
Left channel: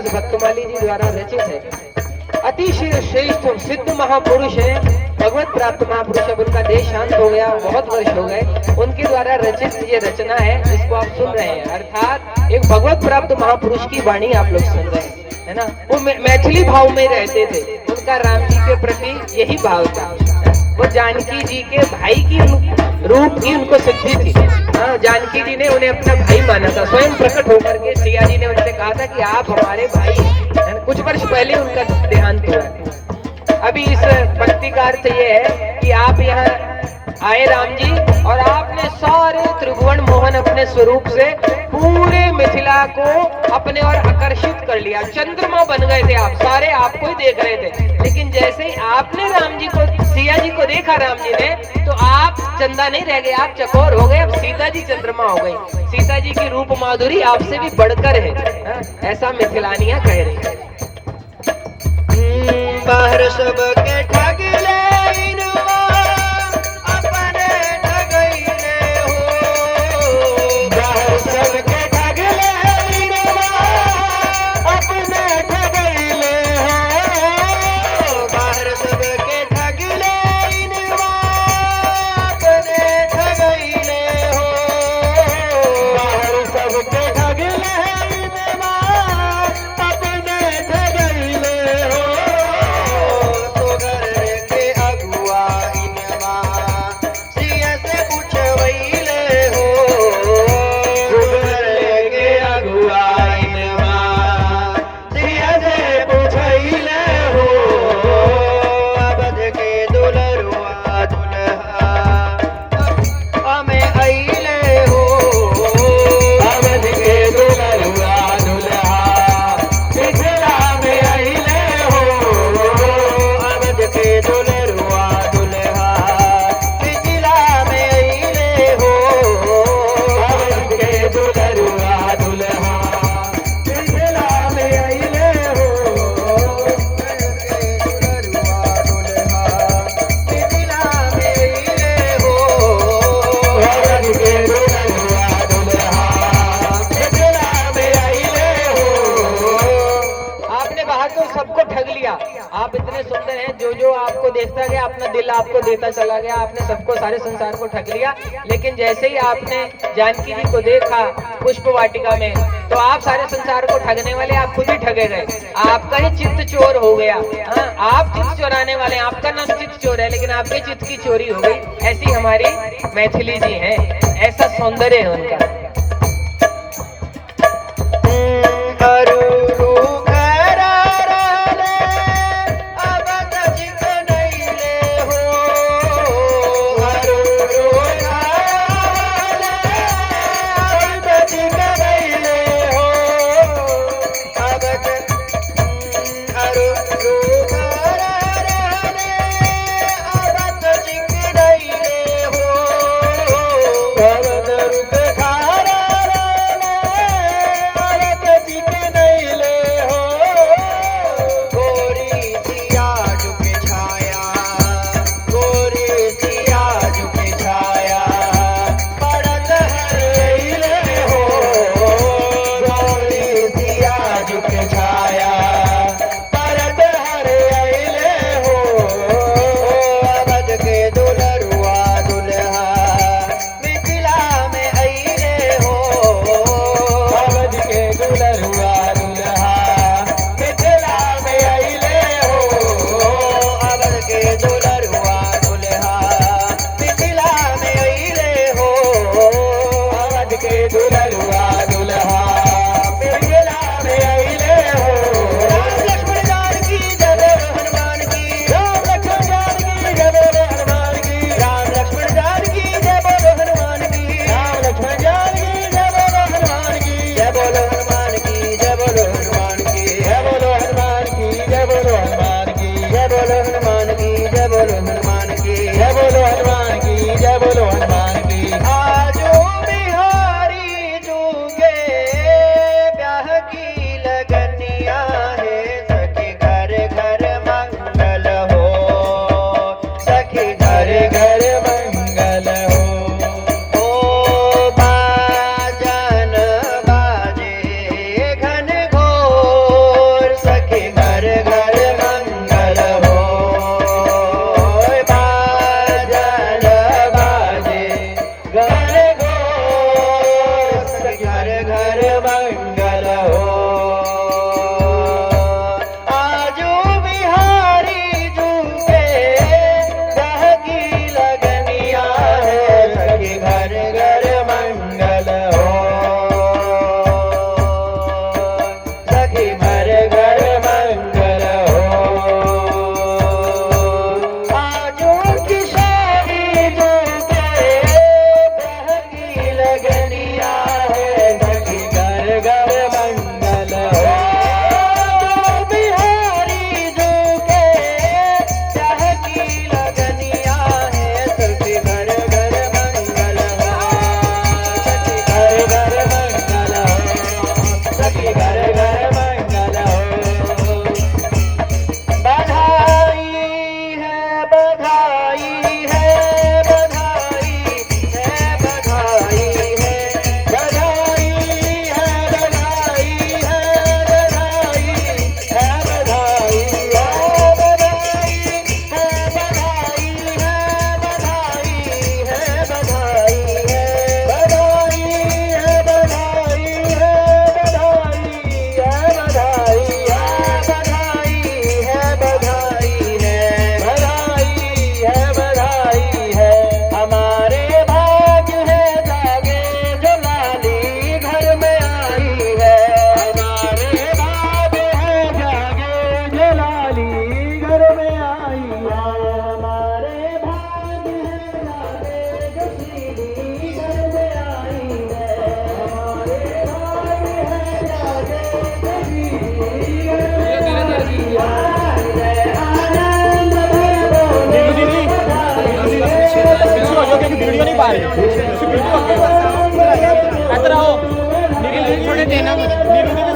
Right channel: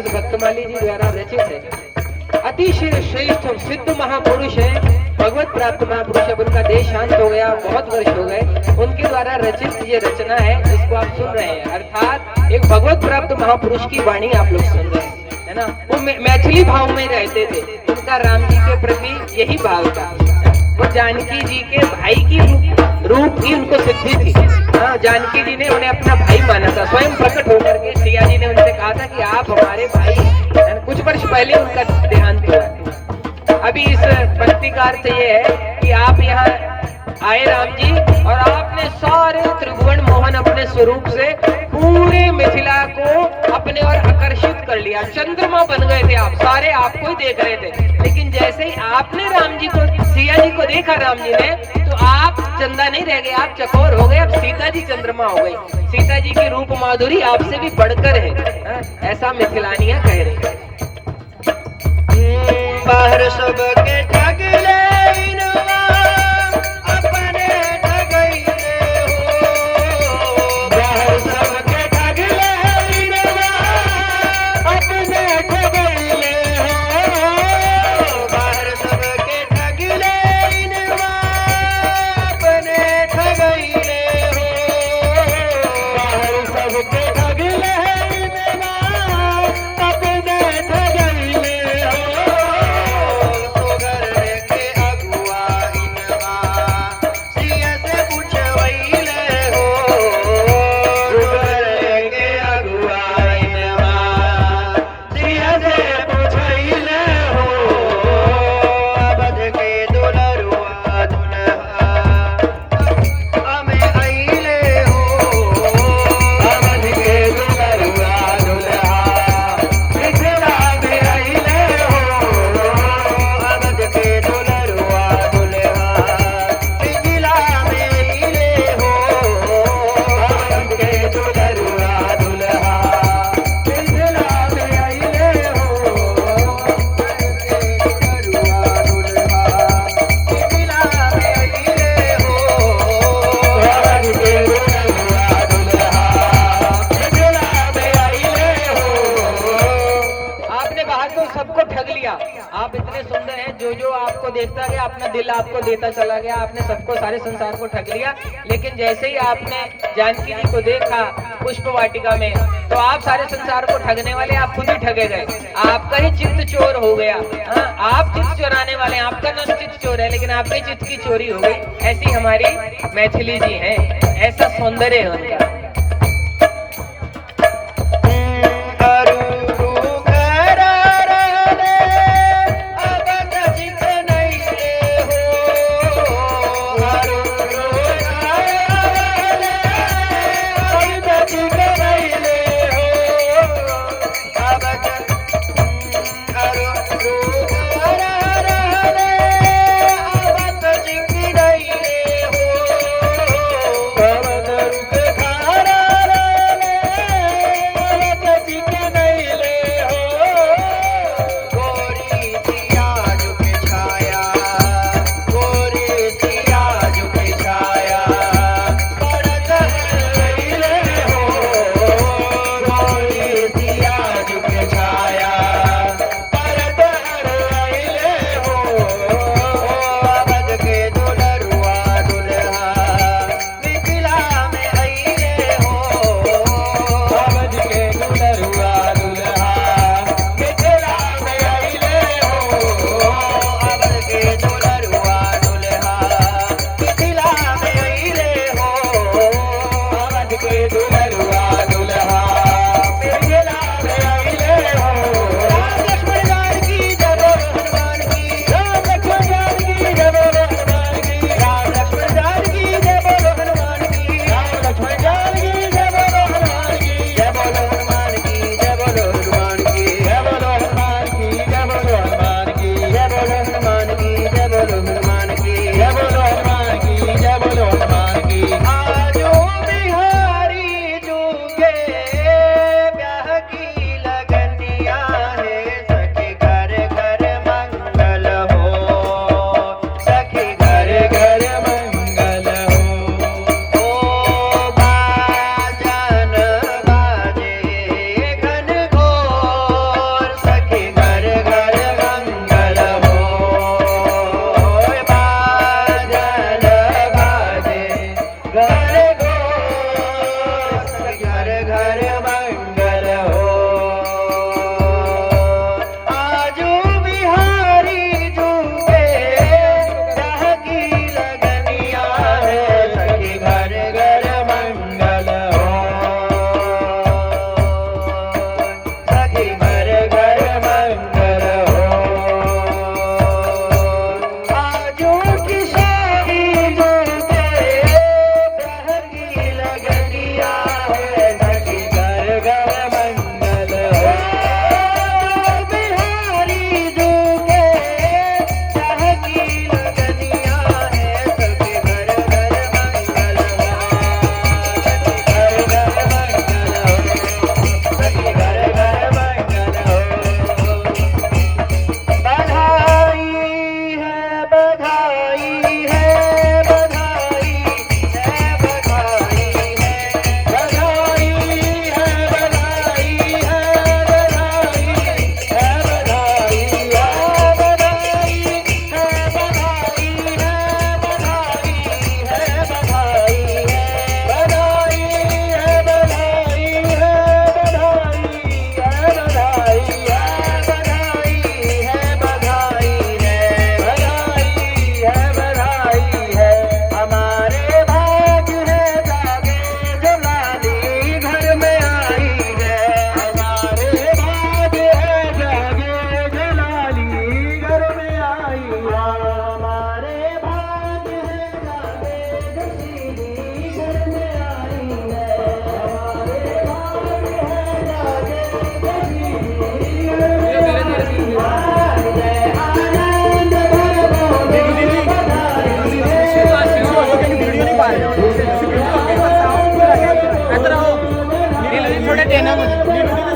भक्तमाली जी द्वारा रचित है, अतिशय श्रेष्ठ और सिद्ध महापुरुष है, भगवत प्राप्त महापुरुष। अब उनका देश शांत हो गया, बहुत वर्ष हो गए, उनके द्वारा रचित ये रचना है, इसको आप सुन रहे हैं। अर्थात एक भगवत प्राप्त महापुरुष की वाणी आप लोग सुन रहे हैं, है ना। वो मैथिली भाव में रहते थे, उनका राम जी के प्रति यही भाव था। वो जानकी जी के भाई की रूप की उनको सिद्धि थी। जानकी जी ने उन्हें अपना भाई माना था, स्वयं प्रकट होकर के सिया जी ने उनसे कहा था कि आप हमारे भाई हैं। कुछ वर्ष पहले उनका देहांत हुआ। अभी इस भक्ति का अर्थ ये है कि आप यहाँ आए राम जी, और आपने सारे त्रिभुवन मोहन अपने स्वरूप से पूरे मिथिला को अपने और आकर्षित कर लिया। चंद्रमा बन गए थे आप, सारे आपको ही देख रहे थे। लेकिन जैसे ही आपने राम जी को, सिया जी को देखा राम जी ने, तो आप चंदा नहीं रह गए, आप चकोर हो गए, अब सीता जी चंद्रमा हो गई। सीता जी की रूप माधुरी आपसे भी बढ़कर है, ऐसा मिथिलानियां कह रही है। बाहर सबके ठगले पता चला गया, आपने सबको, सारे संसार को ठग लिया। लेकिन जैसे ही आपने जानकी जी को देखा पुष्प वाटिका में, तो आप सारे संसार को ठगने वाले आप खुद ही ठगे गए, आपका ही चित्त चोर हो गया। हाँ, आप चित्त चोराने वाले, आपका नाम चित्त चोर है, लेकिन आपके चित्त की चोरी हो गई। ऐसी हमारी मैथिली जी हैं, ऐसा सौंदर्य है उनका।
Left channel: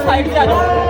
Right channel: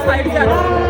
साइड से आ जाओ।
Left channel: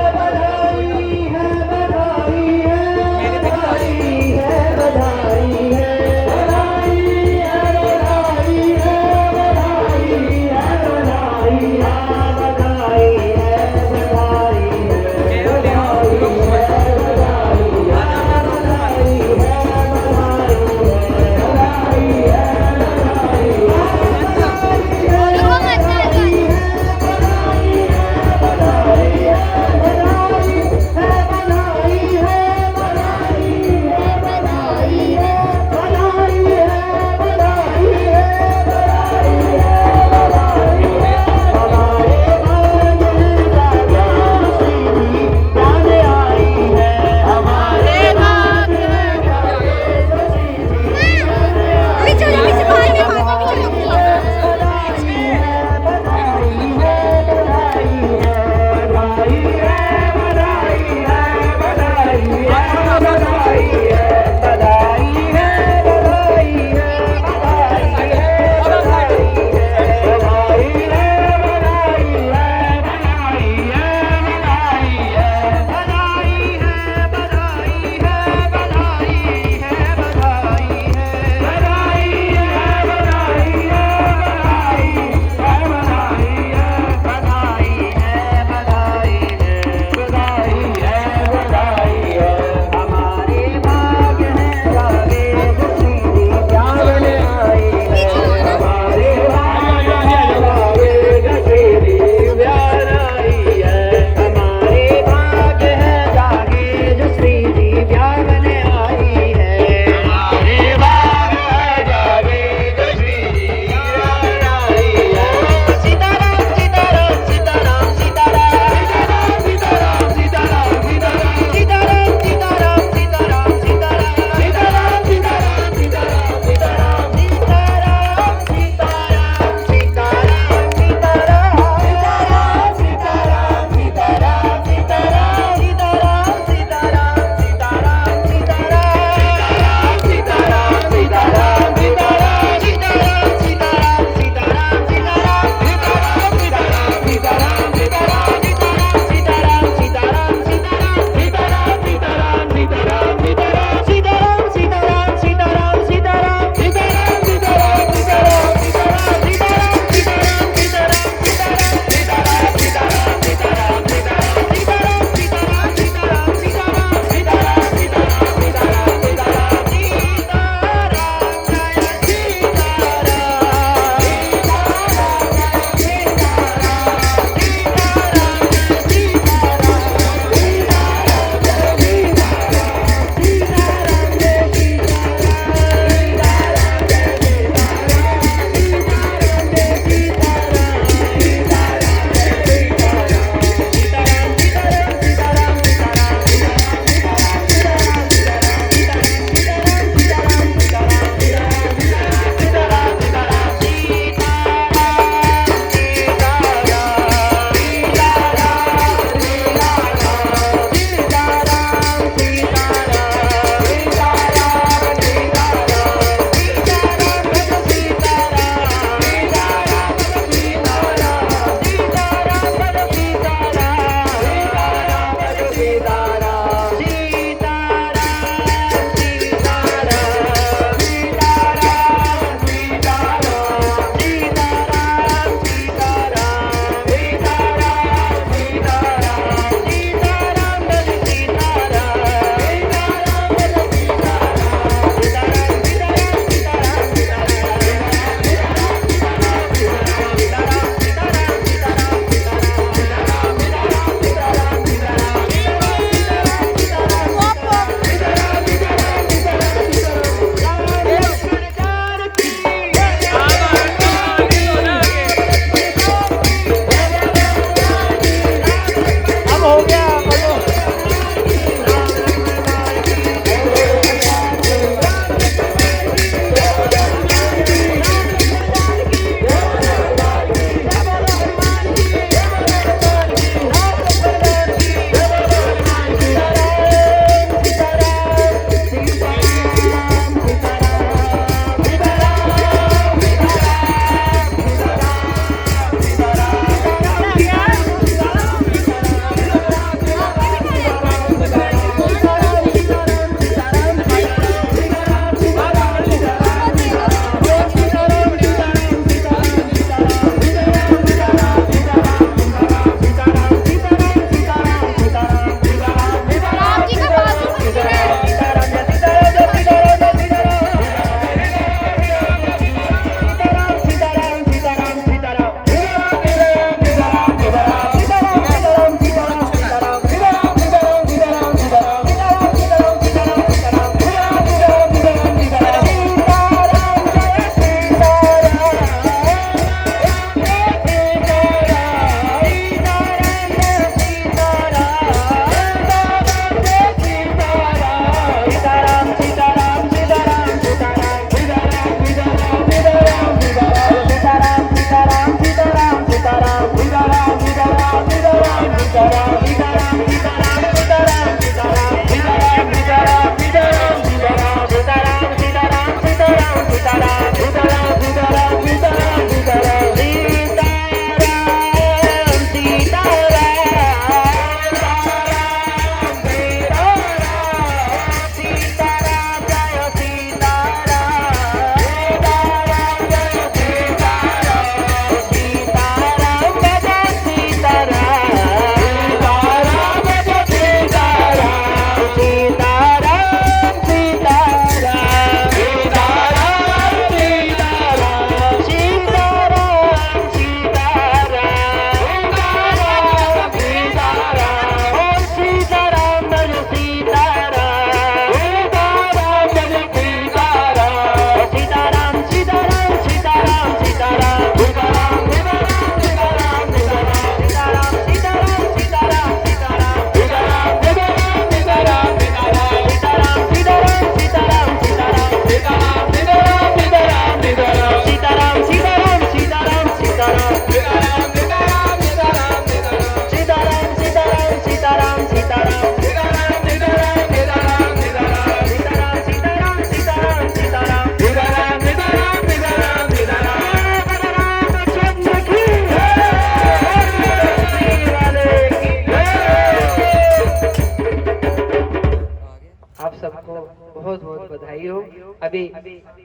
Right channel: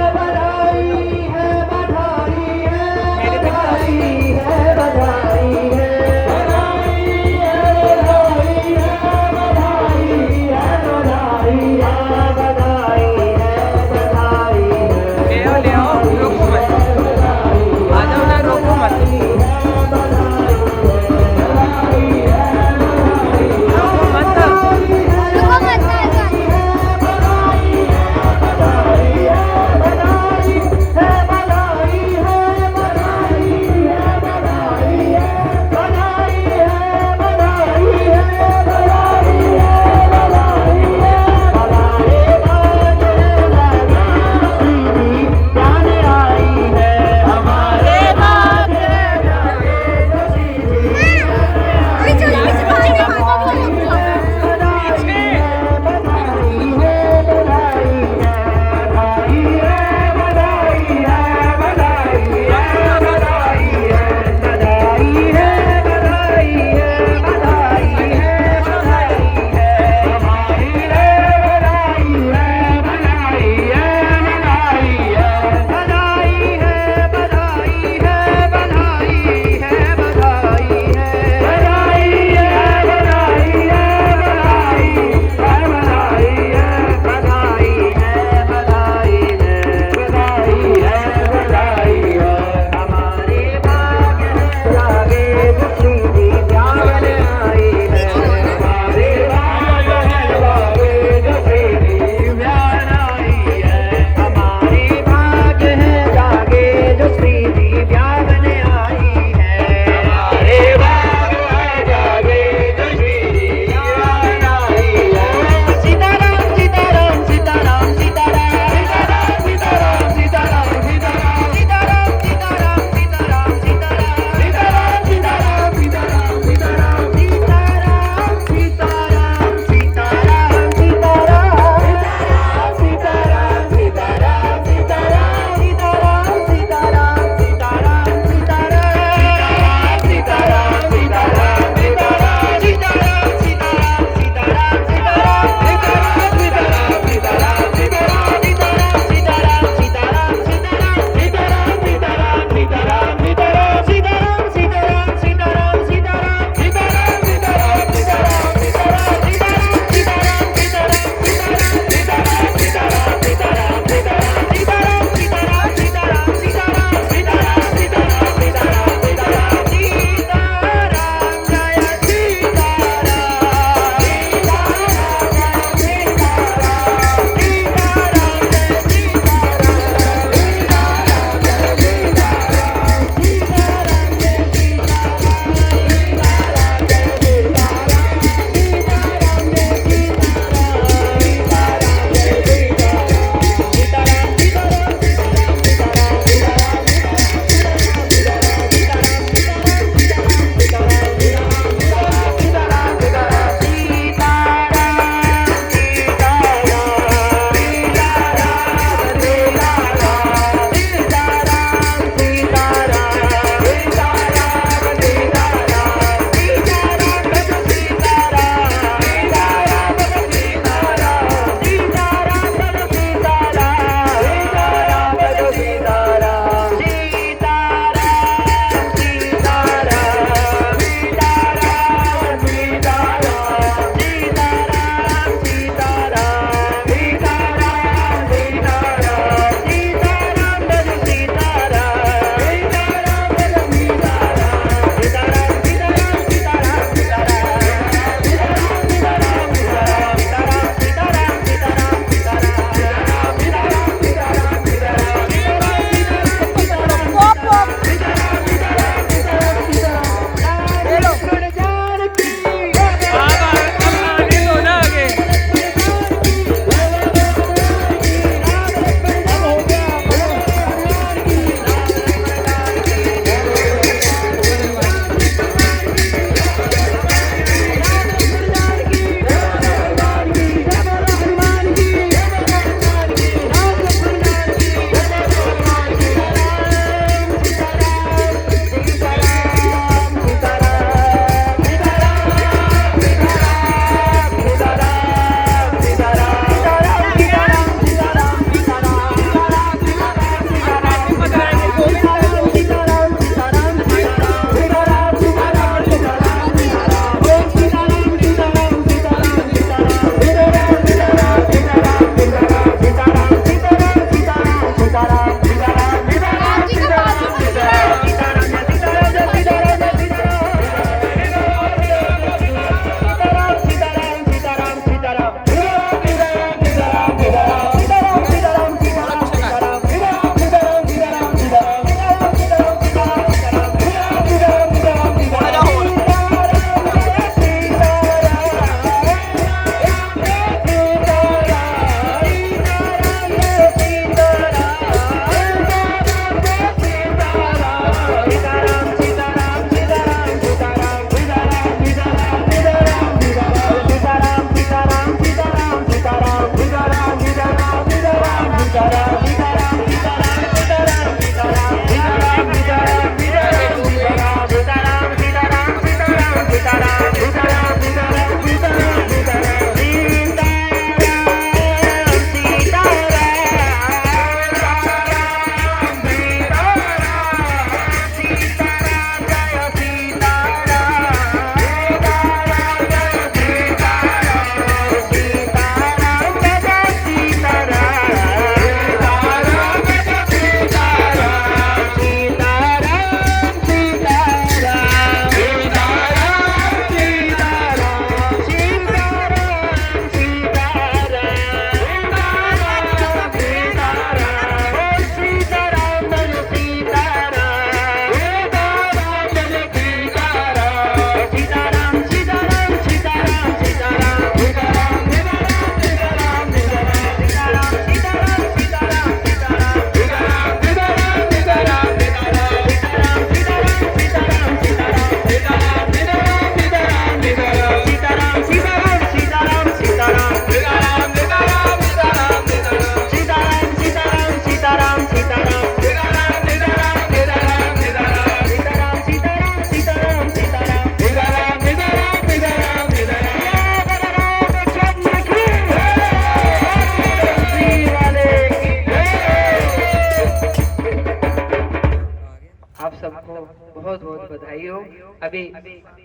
अभी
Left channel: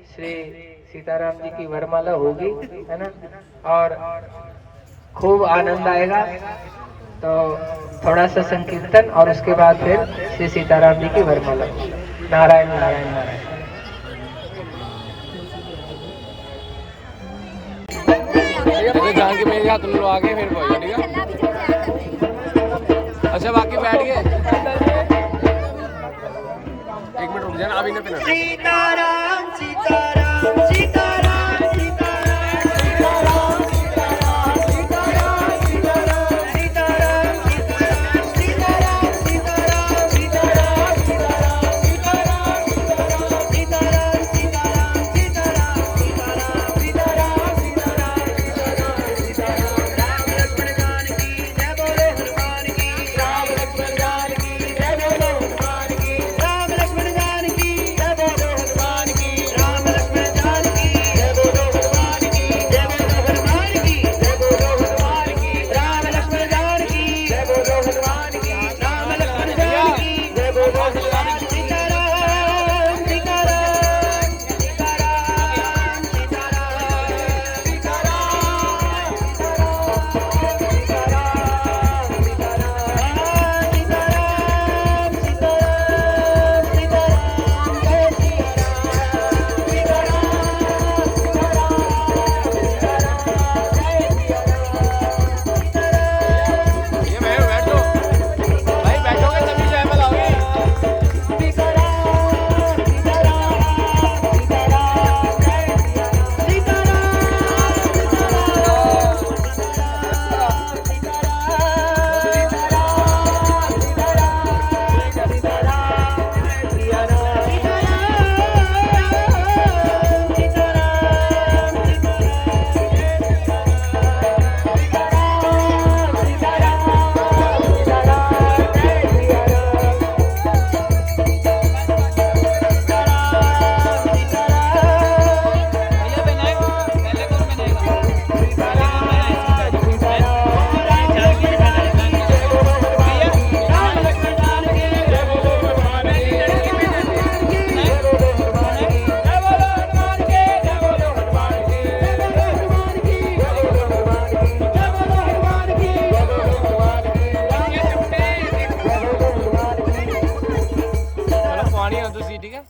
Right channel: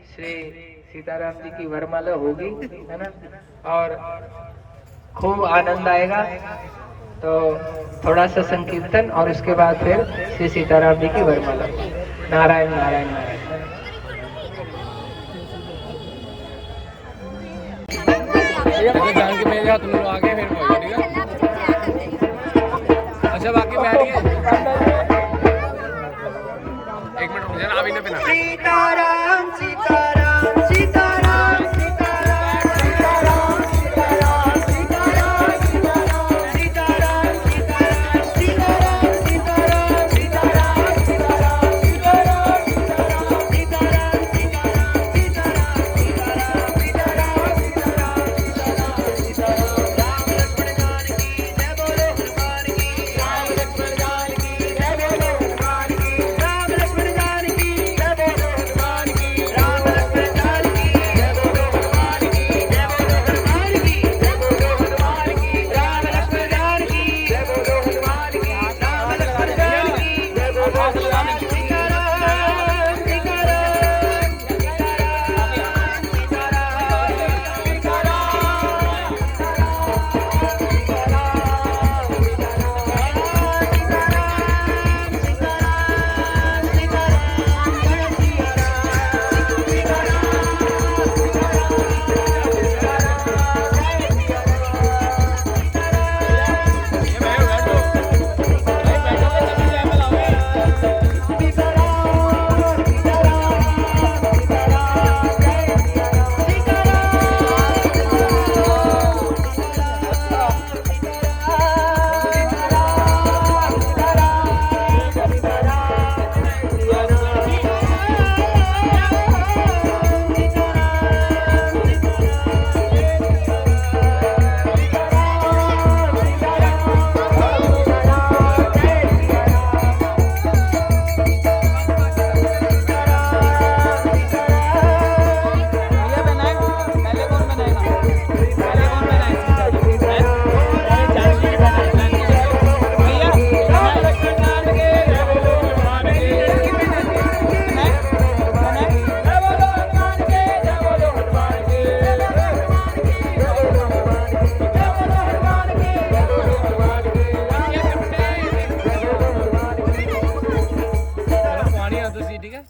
श्री सीताराम जी की वरमाला होगी, है ना, और खूब आनंद आएगा। तो थोड़ा सा संकीर्तन और उसके बाद फिर श्री सीताराम जी की वरमाला। नारायण नारायण नारायण। जान के मेरे हाथ में लो आगे फिर बोलो, ठीक है। अच्छा बाकी बैठ गए, एक मिनट रुक जाना, अभी नहीं पहना। सीताराम सीताराम सीताराम ठीक है।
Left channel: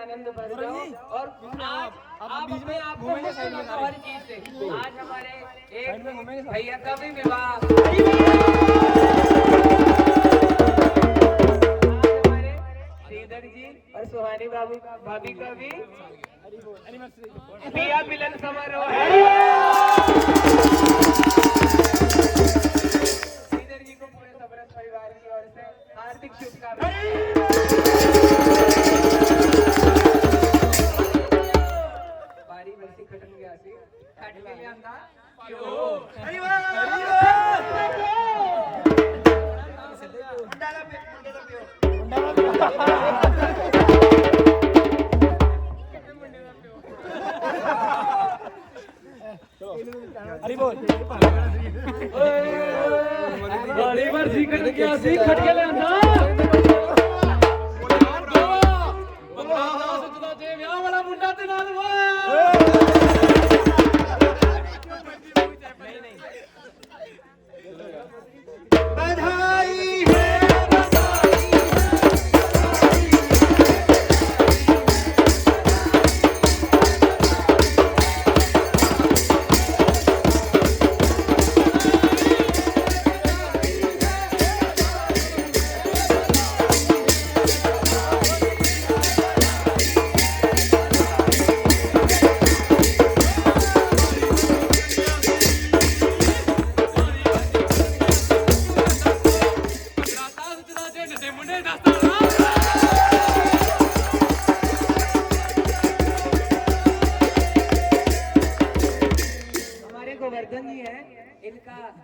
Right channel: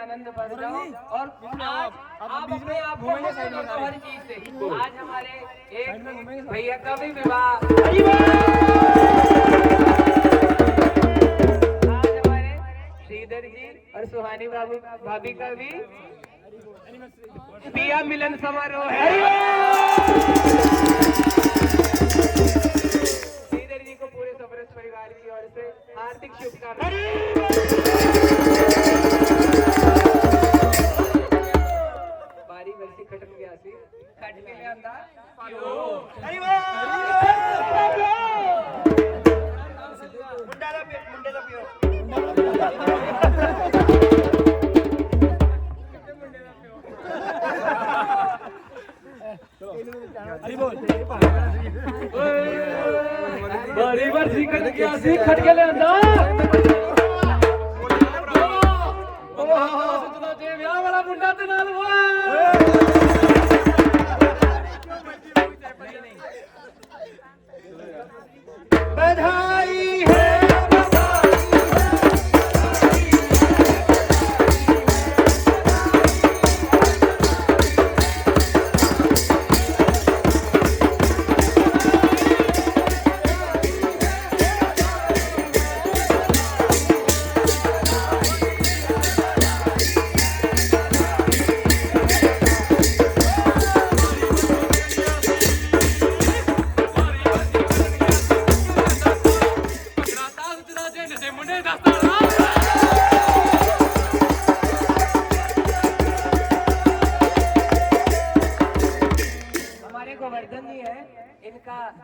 आनंद भर जाओ और आप अपने आप घूमेंगे साइड में हर चीज से। आज हमारे एक भैया का भी विवाह, आज हमारे श्रीधर जी और सुहानी भाभी का भी पिया मिलन समारोह है। श्रीधर जी को पूरे सबरस परिवार की ओर से हार्दिक शुभकामनाएं। बारी वर्षी खटन गया सी खट के लिए अंदा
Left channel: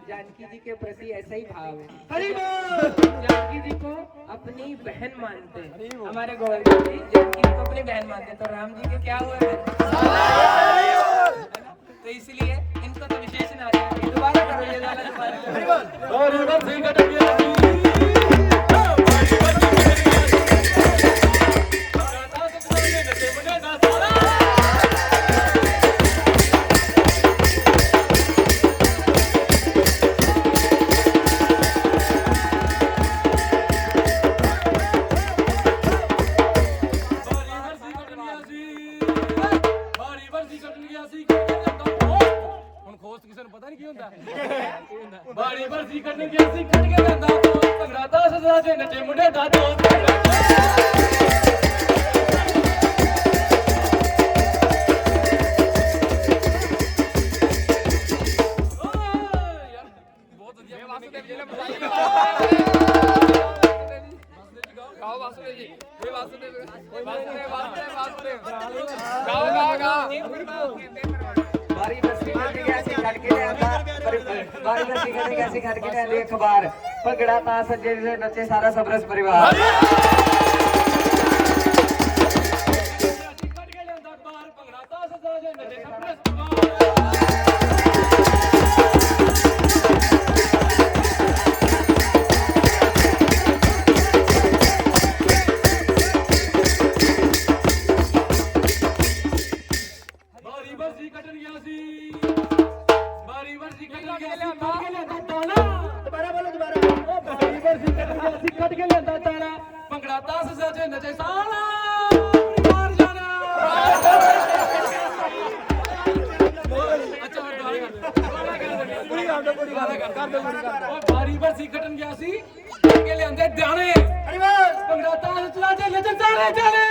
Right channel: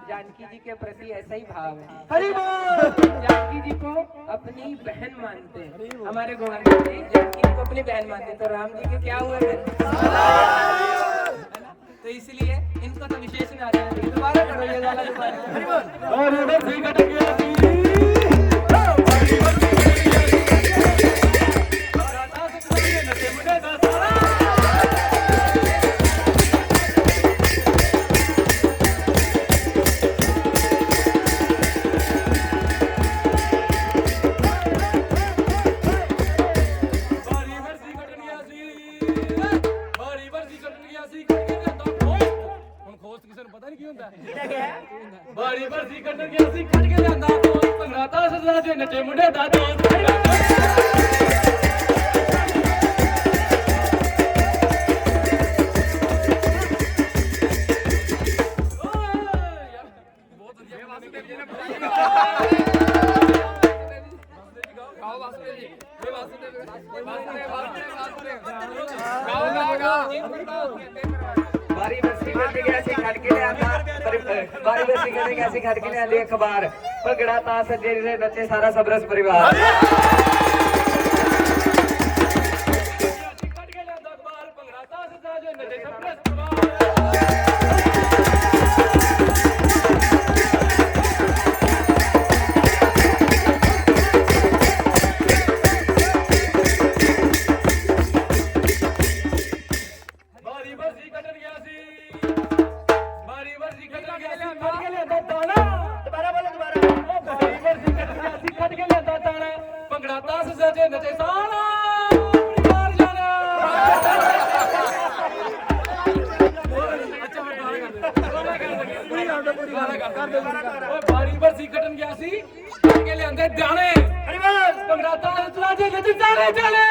जानकी जी के प्रति ऐसा ही भाव है। जानकी जी को अपनी बहन मानते हैं। हमारे गोवर्धन जी जानकी जी को अपनी बहन मानते हैं, तो राम जी के क्या हुए हैं? तो इसलिए इनको तो विशेष दोबारा करो ये बारी बरसी कट गया सी खट के ਜਾਂਦਾ ਭੰਗੜਾ ਤਾਂ ਸਦਾ ਜੇ ਨੱਚੇ ਮੁੰਡੇ ਦਾ ਦੋਸਤ ਬਹੁਤ ਵਧੀਆ गाओ वासुदेव जी वे वासुदेव गाओ बारी बरसी करने कैसे खट के लियांदा बारी बरसी करने कैसे खट के लियांदी अखबार भंगड़ा तां सज्जे से नचे सारा सबरस परिवार खट के लियांदा अखबार भंगड़ा तां सज्जे जे नचे सबरस परिवार ਭੰਗੜਾ ਤਾਂ ਸਜੇ ਨਚੇ ਸਾਰਾ ਪਰਿਵਾਰ ਜਾਣਾ ਅੱਛਾ ਦੁਬਾਰਾ ਕਰ ਦੇ ਬਾਰੀ ਬਰਸੀ ਕੱਟਣ ਗਿਆ ਸੀ ਕੱਟ ਕੇ ਲਿਆਂਦੇ ਦਾਣੇ ਭੰਗੜਾ ਤਾਂ ਸਜੇ ਨਚੇ ਸਾਰੇ ਜਾਣੇ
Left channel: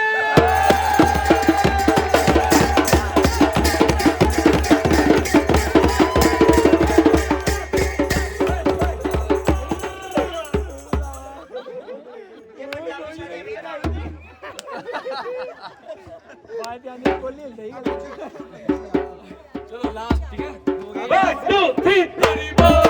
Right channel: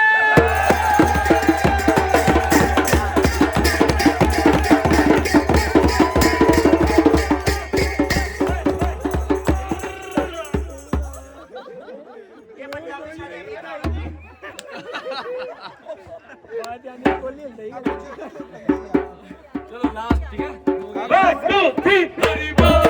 चलो लास्ट ठीक है 1 2 3 हरी बोल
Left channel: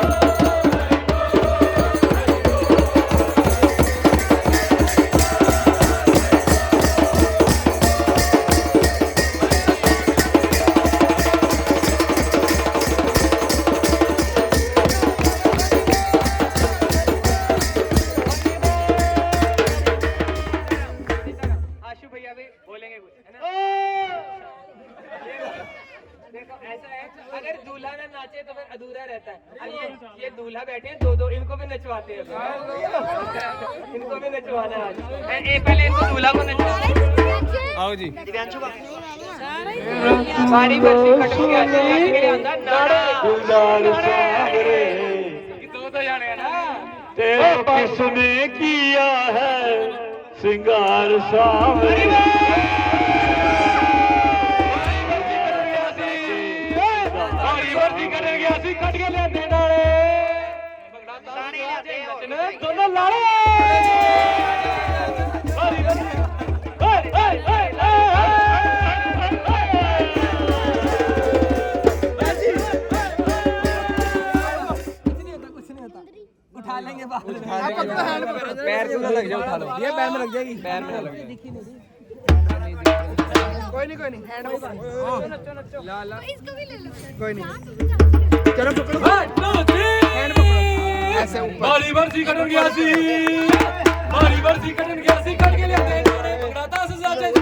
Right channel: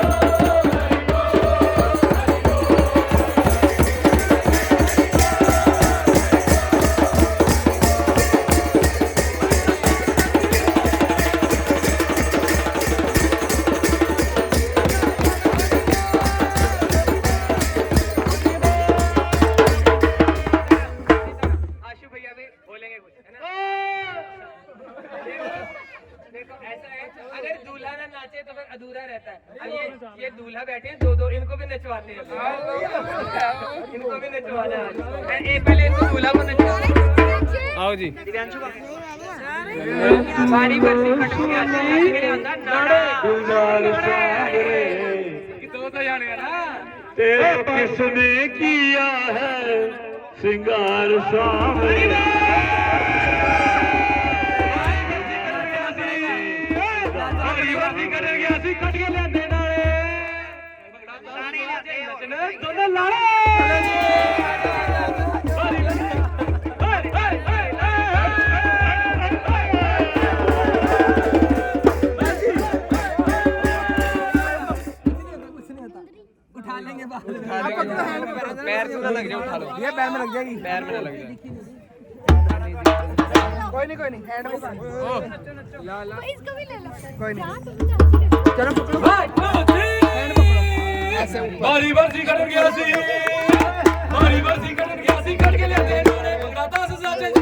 अगर दूल्हा ना नाचे तो फिर अधूरा रहता है। ये दूल्हा बैठे हैं दो इनको भी नचवाते हैं इनको भी नचवाना है। पहले इनको दूल्हा को नचवाना आओ जी दिव्यांशु बाबू बारी बरसी खटक गया सी नाड़े दो जाने हैं ना ते किसने किया है श्रृंगार सावरे बारी बरसी खटक गया सी खट के ले नाड़े दोनों लाड़े उठा लेंगे बाद में ये पैर में लग जाएगी कोई नहीं हैंड पकड़ ला कोई नहीं चलो पकड़ो हैंड पकड़ो ऐसे ऊपर बारी बरसी खटक गया सी खट के ले पकड़ाता से ज्यादा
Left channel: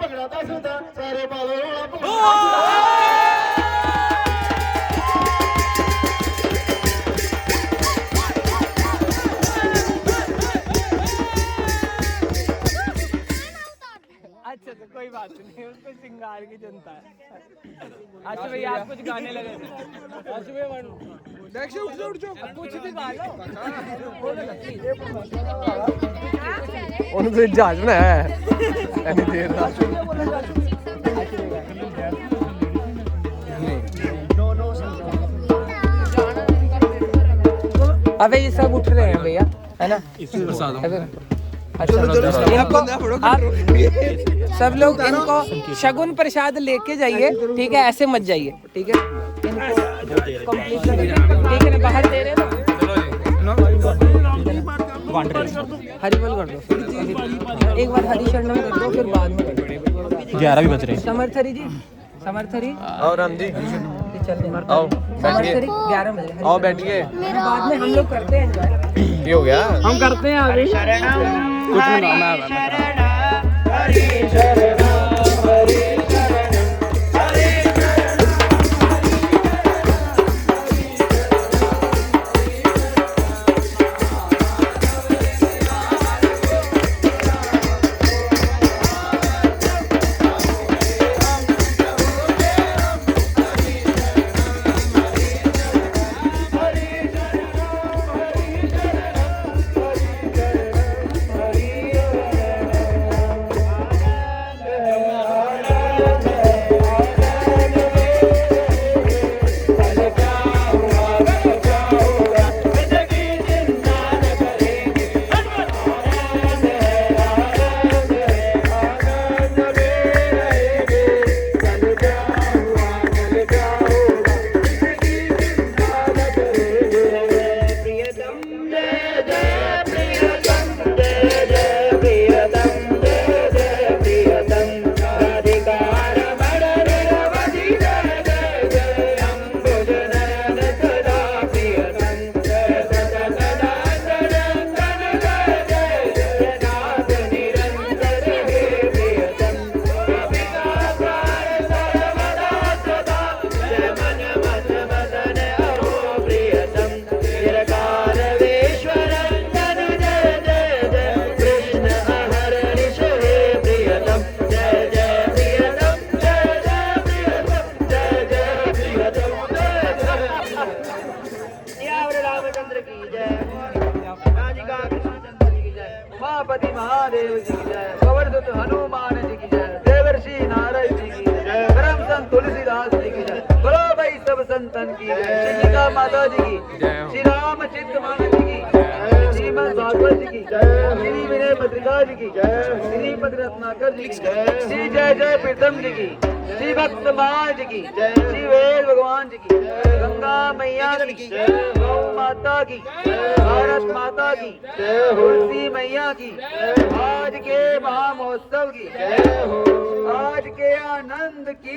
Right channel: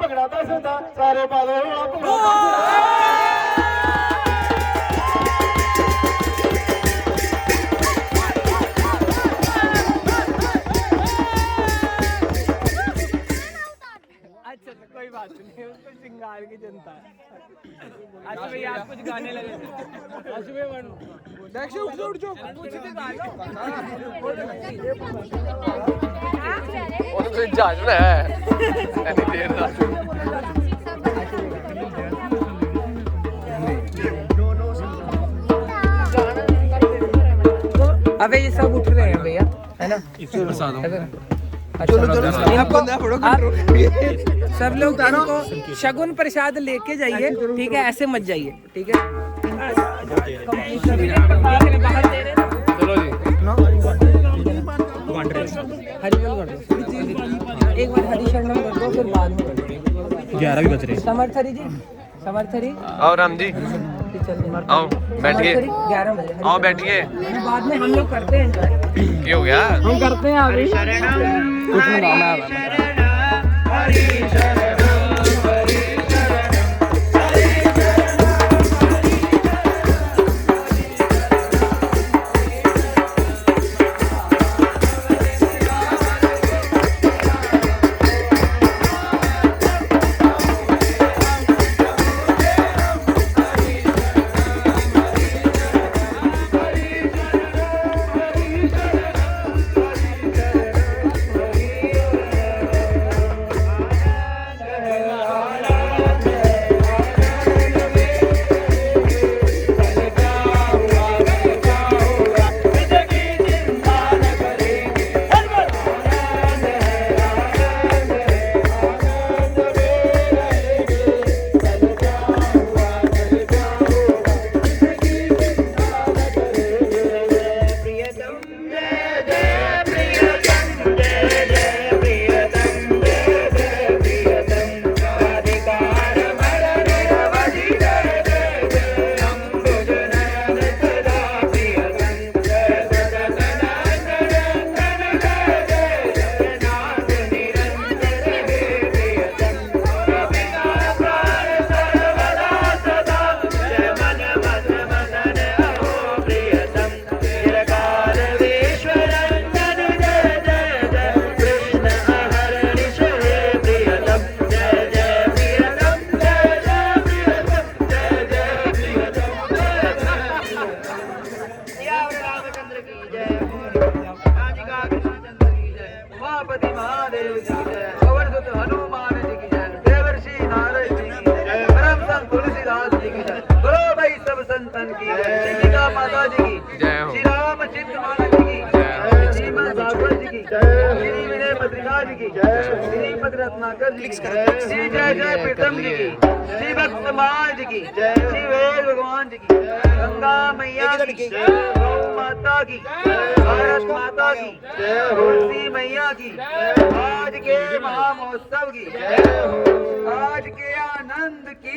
ਭੰਗੜਾ ਤਾਂ ਸਿੱਧਾ ਸਾਰੇ ਪਾਲੋ अच्छा तो कोई बात नहीं उसको सिंगार की जनता है अच्छा भाई आप कुछ गाने लगे थे उनसे जागना है अबे ये सब उठ रहे हैं भैया है ना सब लोग इनको शगुन प्रसाद लेके जाइए ठीक है ऐसे मत जाइए ठीक है बाहर दे रहे हरिबल कर दो एक बार हरि शरणम कर दो फिर बाद में 11 भी बज रहे समर्थरी जी समर्थरी आओ राम जी आओ बैठिए 11 बजे आओ बैठिए बाद में हम लोग करते हैं ये हो गया हम करते हैं अभी कुछ नहीं मैं श्री जय जय प्रीतम जी की, श्री भक्त समाज की, श्री वेद भगवान जी की, गंगा मैया की, गौ माता माता की, भारत माता की, तुलसी मैया की, आज के महामहोत्सव की, आज के आनंद की,